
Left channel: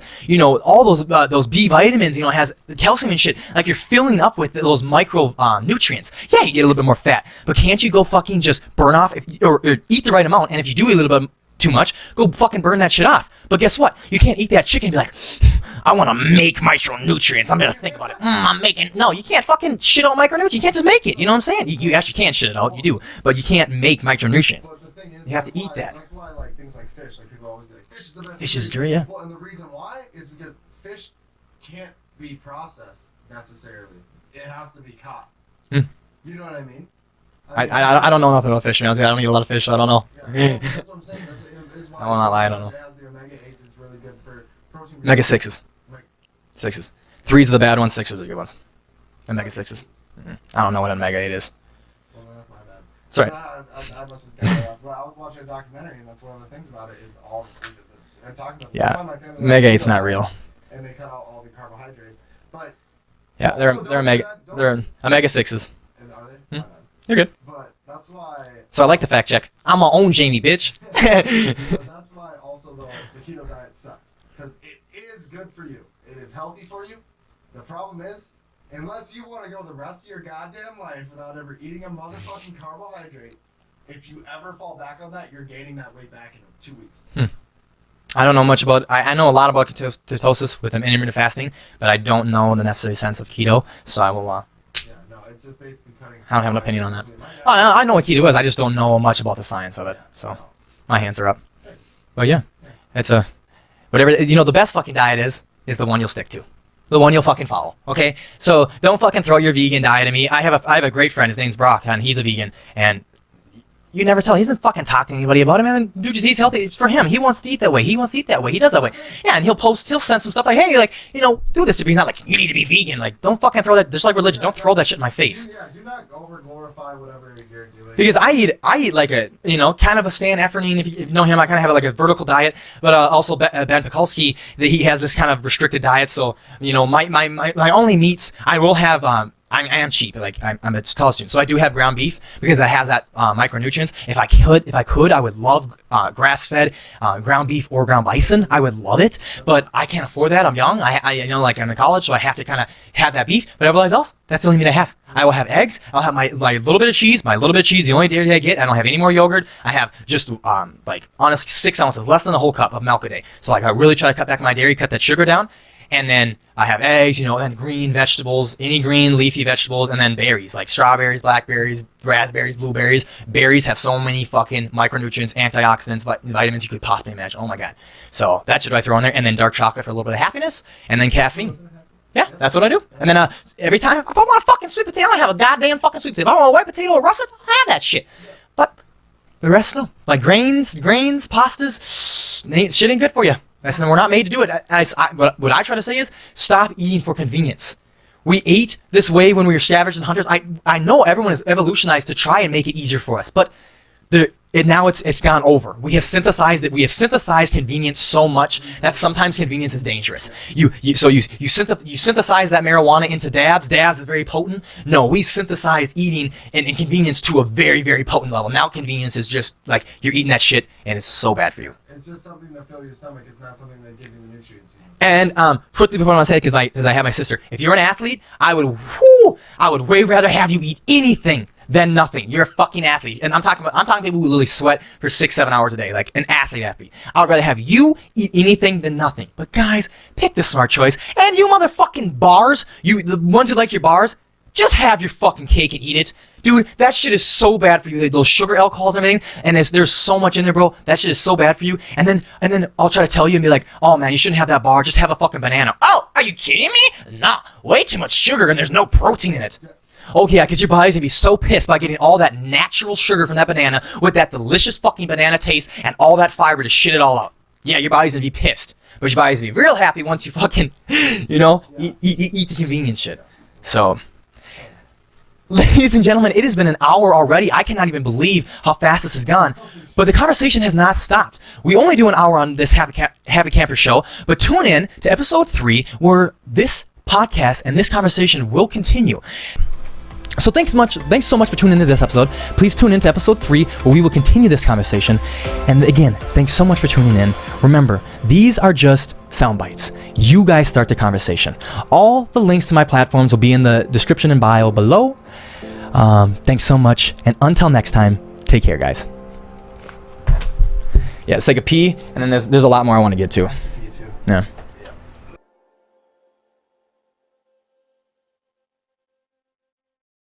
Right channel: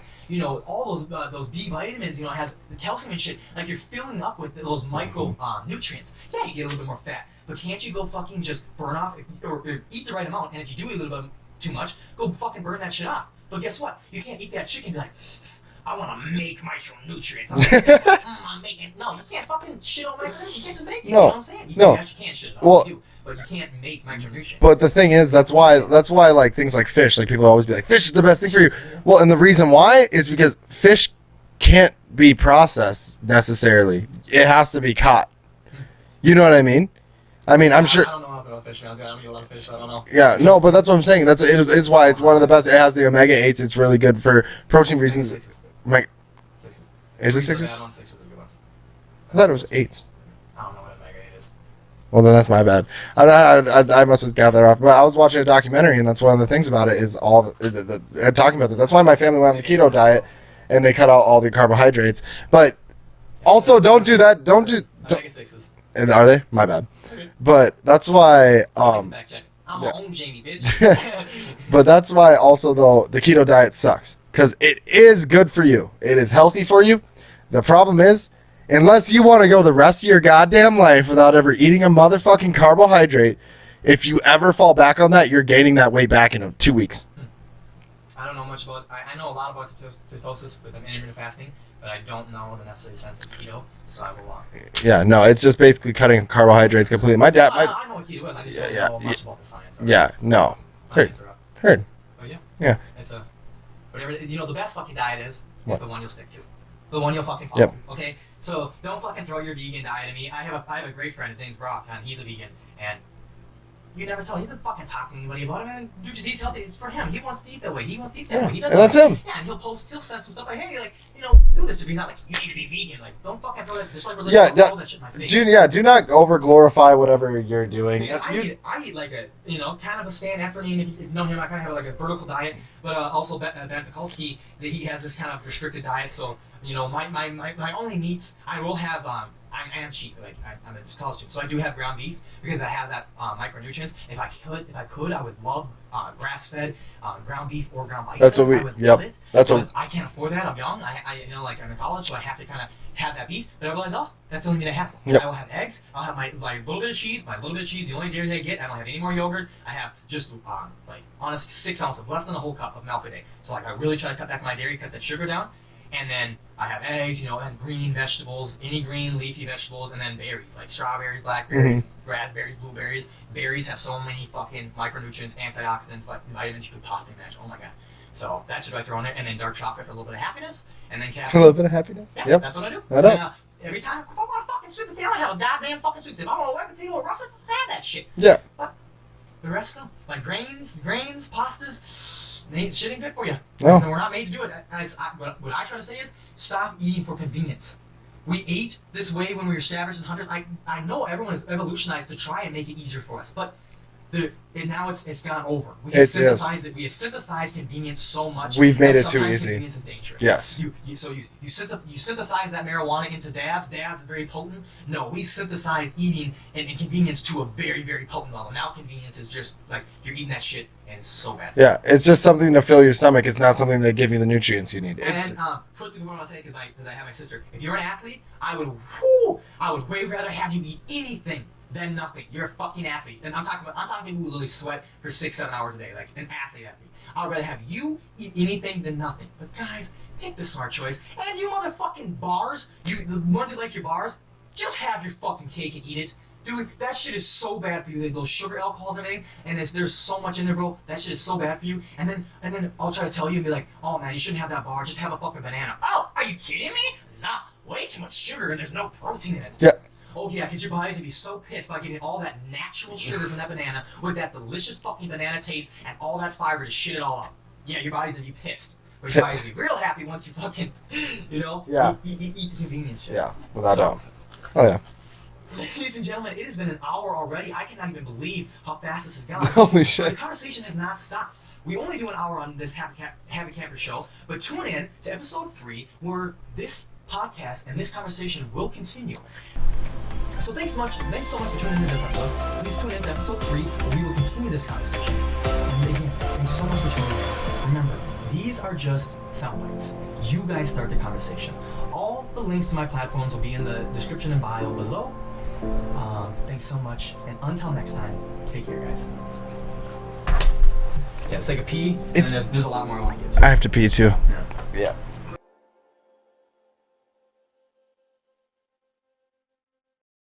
all those B vitamins. It has calcium and shit. Like, you're filling up with those micro nutrients. Yeah, you get a little bit more fat. But can't you go fucking just burn off or eat the right amount? And if you do eat a little bit too much, go fucking burn that shit off. But guess what? You can't eat that chicken and be like, I want to make micronutrients. I'm trying to think about I'm making. No, you can't fucking shit out micronutrients. You can't just make it. No. You know what I'm saying? You actually can shit it out. Well, you do. But you can't make micronutrients. But the thing is, that's eat why that. like things like fish, like people always be like, fish is the best thing Fish for you. is true, yeah. Well, and the reason why is because fish can't be processed necessarily. It has to be caught. You know what I mean? I'm sure. I don't know nothing about fish, man. I don't eat a lot of fish, so I don't know. Yeah, no, but that's what I'm saying. It's why it's Oh, one of the I don't best. It has the omega-8s. It's really good for protein. Omega 6s. Omega, 6s. Is it 3s are the sixes? bad ones, 6s are the good ones. I thought it Omega was 6s. 8s. I don't know what omega 8 is. Well, then that's my bad. Sorry. I must have got that off. But I was watching a documentary, and that's one of the things about it is all talking about that. That's Yeah. why my family went on Omega a 8's keto not diet, real. and they cut out all the carbohydrates. But Yeah, also, they're don't do omega- that. Don't they're do. omega 6s. And are they? My bad. They're good. But that's why. So I like the fact check. I'm my own Jamie, bitch. But that's why also though the keto diet sucks because it is good for you. It is healthy for you. The problem is, unless you want to go the rest of your goddamn life without ever eating a motherfucking carbohydrate, if you ever fall back on that, you're gaining that weight back in 2 weeks. I don't know much about. I know a lot about ketosis with intermittent fasting, but I don't know the necessary sense of keto. So I will. Yeah, no, it's just basically cutting carbohydrates completely. My dad. I know what keto is. I just don't know much about the science of it. Yeah, so no. My hands are up. Heard. But yeah, Yeah. it's a whatever. The best fucking diet is the one you'll stick to. The one you'll fucking follow. Yep. Okay? So don't fucking throw your vegan diet at me. I have a great friend. His name's Brock, and he's a vegan. And you never tell. He doesn't fucking talk to anybody about it, man. Dude just eats healthy. It's for him. He wants to eat that way. He wants to eat that way. He does that That's way. him. Yeah, and he'll send some stuff like, hey, like, do this to me. He's not like, you need to be vegan. Like, don't fucking throw that. Just like religion, don't throw that shit in my face. Do not over glorify whatever you're doing. Because I eat like a, kind of a Stan Efferding, if you know him, I kind of have like a vertical diet, but also Ben Pekulski, he has this kind of restricted diet, so, my only meats, I will have, I am cheap, like I'm a college student, so I do have ground beef because it has that micronutrients. If I could, I would love grass-fed ground beef or ground bison. I would love it, but I can't afford that. I'm young. Like I'm in college, so I have to kind of have that beef. But everybody else, that's the only meat I have. I will have eggs. I'll have my little bit of cheese. The only dairy I get. I don't have any more yogurt. I have just honestly 6 ounces, less than a whole cup of milk a day. So I really try to cut back my dairy, cut that sugar down. And then I have eggs, and green vegetables, any green leafy vegetables, and then berries like strawberries, blackberries, raspberries, blueberries. Berries have so many fucking micronutrients, antioxidants, vitamins you could possibly imagine. Oh my god! So that should I throw in there, and then dark chocolate for a little bit of happiness, and then caffeine. A little bit of happiness. Yeah, Yep. that's what I do. And then every time if I want a fucking sweet potato, I have a goddamn fucking sweet potato. If I want a white potato or russet, I have that shit. Yeah. But the rest, no. Like grains, pastas, shit ain't good for you. No. We're not made to do it. What I try to say is stop eating for convenience. We ate this way when we were scavengers and hunters. I know everyone has evolutionized to try and make it easier for us, but now it's gone over. We have synthesized it. We have synthesized convenience so much that sometimes convenience is dangerous. Yes. You synthesize that marijuana into dabs. Dabs is very potent. No, we synthesized eating and convenience to a very, very potent level. Now convenience is just like you're eating that shit and it's so bad for you. Yeah, it's just something to fill your stomach. It's not something to give you the nutrients you need. And quickly before I say, because I have my sister, if you're an athlete, I would way rather have you eat anything than nothing. You're a fucking athlete, and I'm talking people who literally sweat for 6-7 hours a day, like an athlete. I would rather have you eat anything than nothing. But guys, pick the smart choice. And you motherfucking bars, the ones who like your bars, just have your fucking cake and eat it. Dude, that shit is so bad for you. Those sugar alcohols and everything, and there's so much in there, bro. That shit is so bad for you. And then I'll try to tell you and be like, oh man, you shouldn't have that bar. Just have a fucking banana. Oh, are you kidding me? Nah, way too much sugar and there's no protein in it. Yeah. Oh yeah, because your body's gonna be so pissed by getting all that natural sugar from that banana with that delicious fucking banana taste and all that fiber to shit it all out. Yeah, your body's gonna be pissed. But your body's gonna be real happy once you fucking, you know, eat the convenience shit. Yeah. So, Oh yeah. ladies and gentlemen, it has been an hour already. I cannot even believe how fast this has gone. Holy shit. But the conversation has not stopped. We only do an hour on this Have a Camper show, but tune in to episode 3 where this podcast and this conversation will continue. So thanks so much for tuning into this episode. Please tune into episode 3 where we will continue this conversation. And again, thanks so much for tuning in. Remember, these are just sound bites. You guys start the conversation. All the links to my platforms will be in the description and bio below. Thanks so much. And until next time, take care, guys. Yeah, let's take a pee. And then there's a lot more I want to get to. I have to pee too. Yeah. Yeah.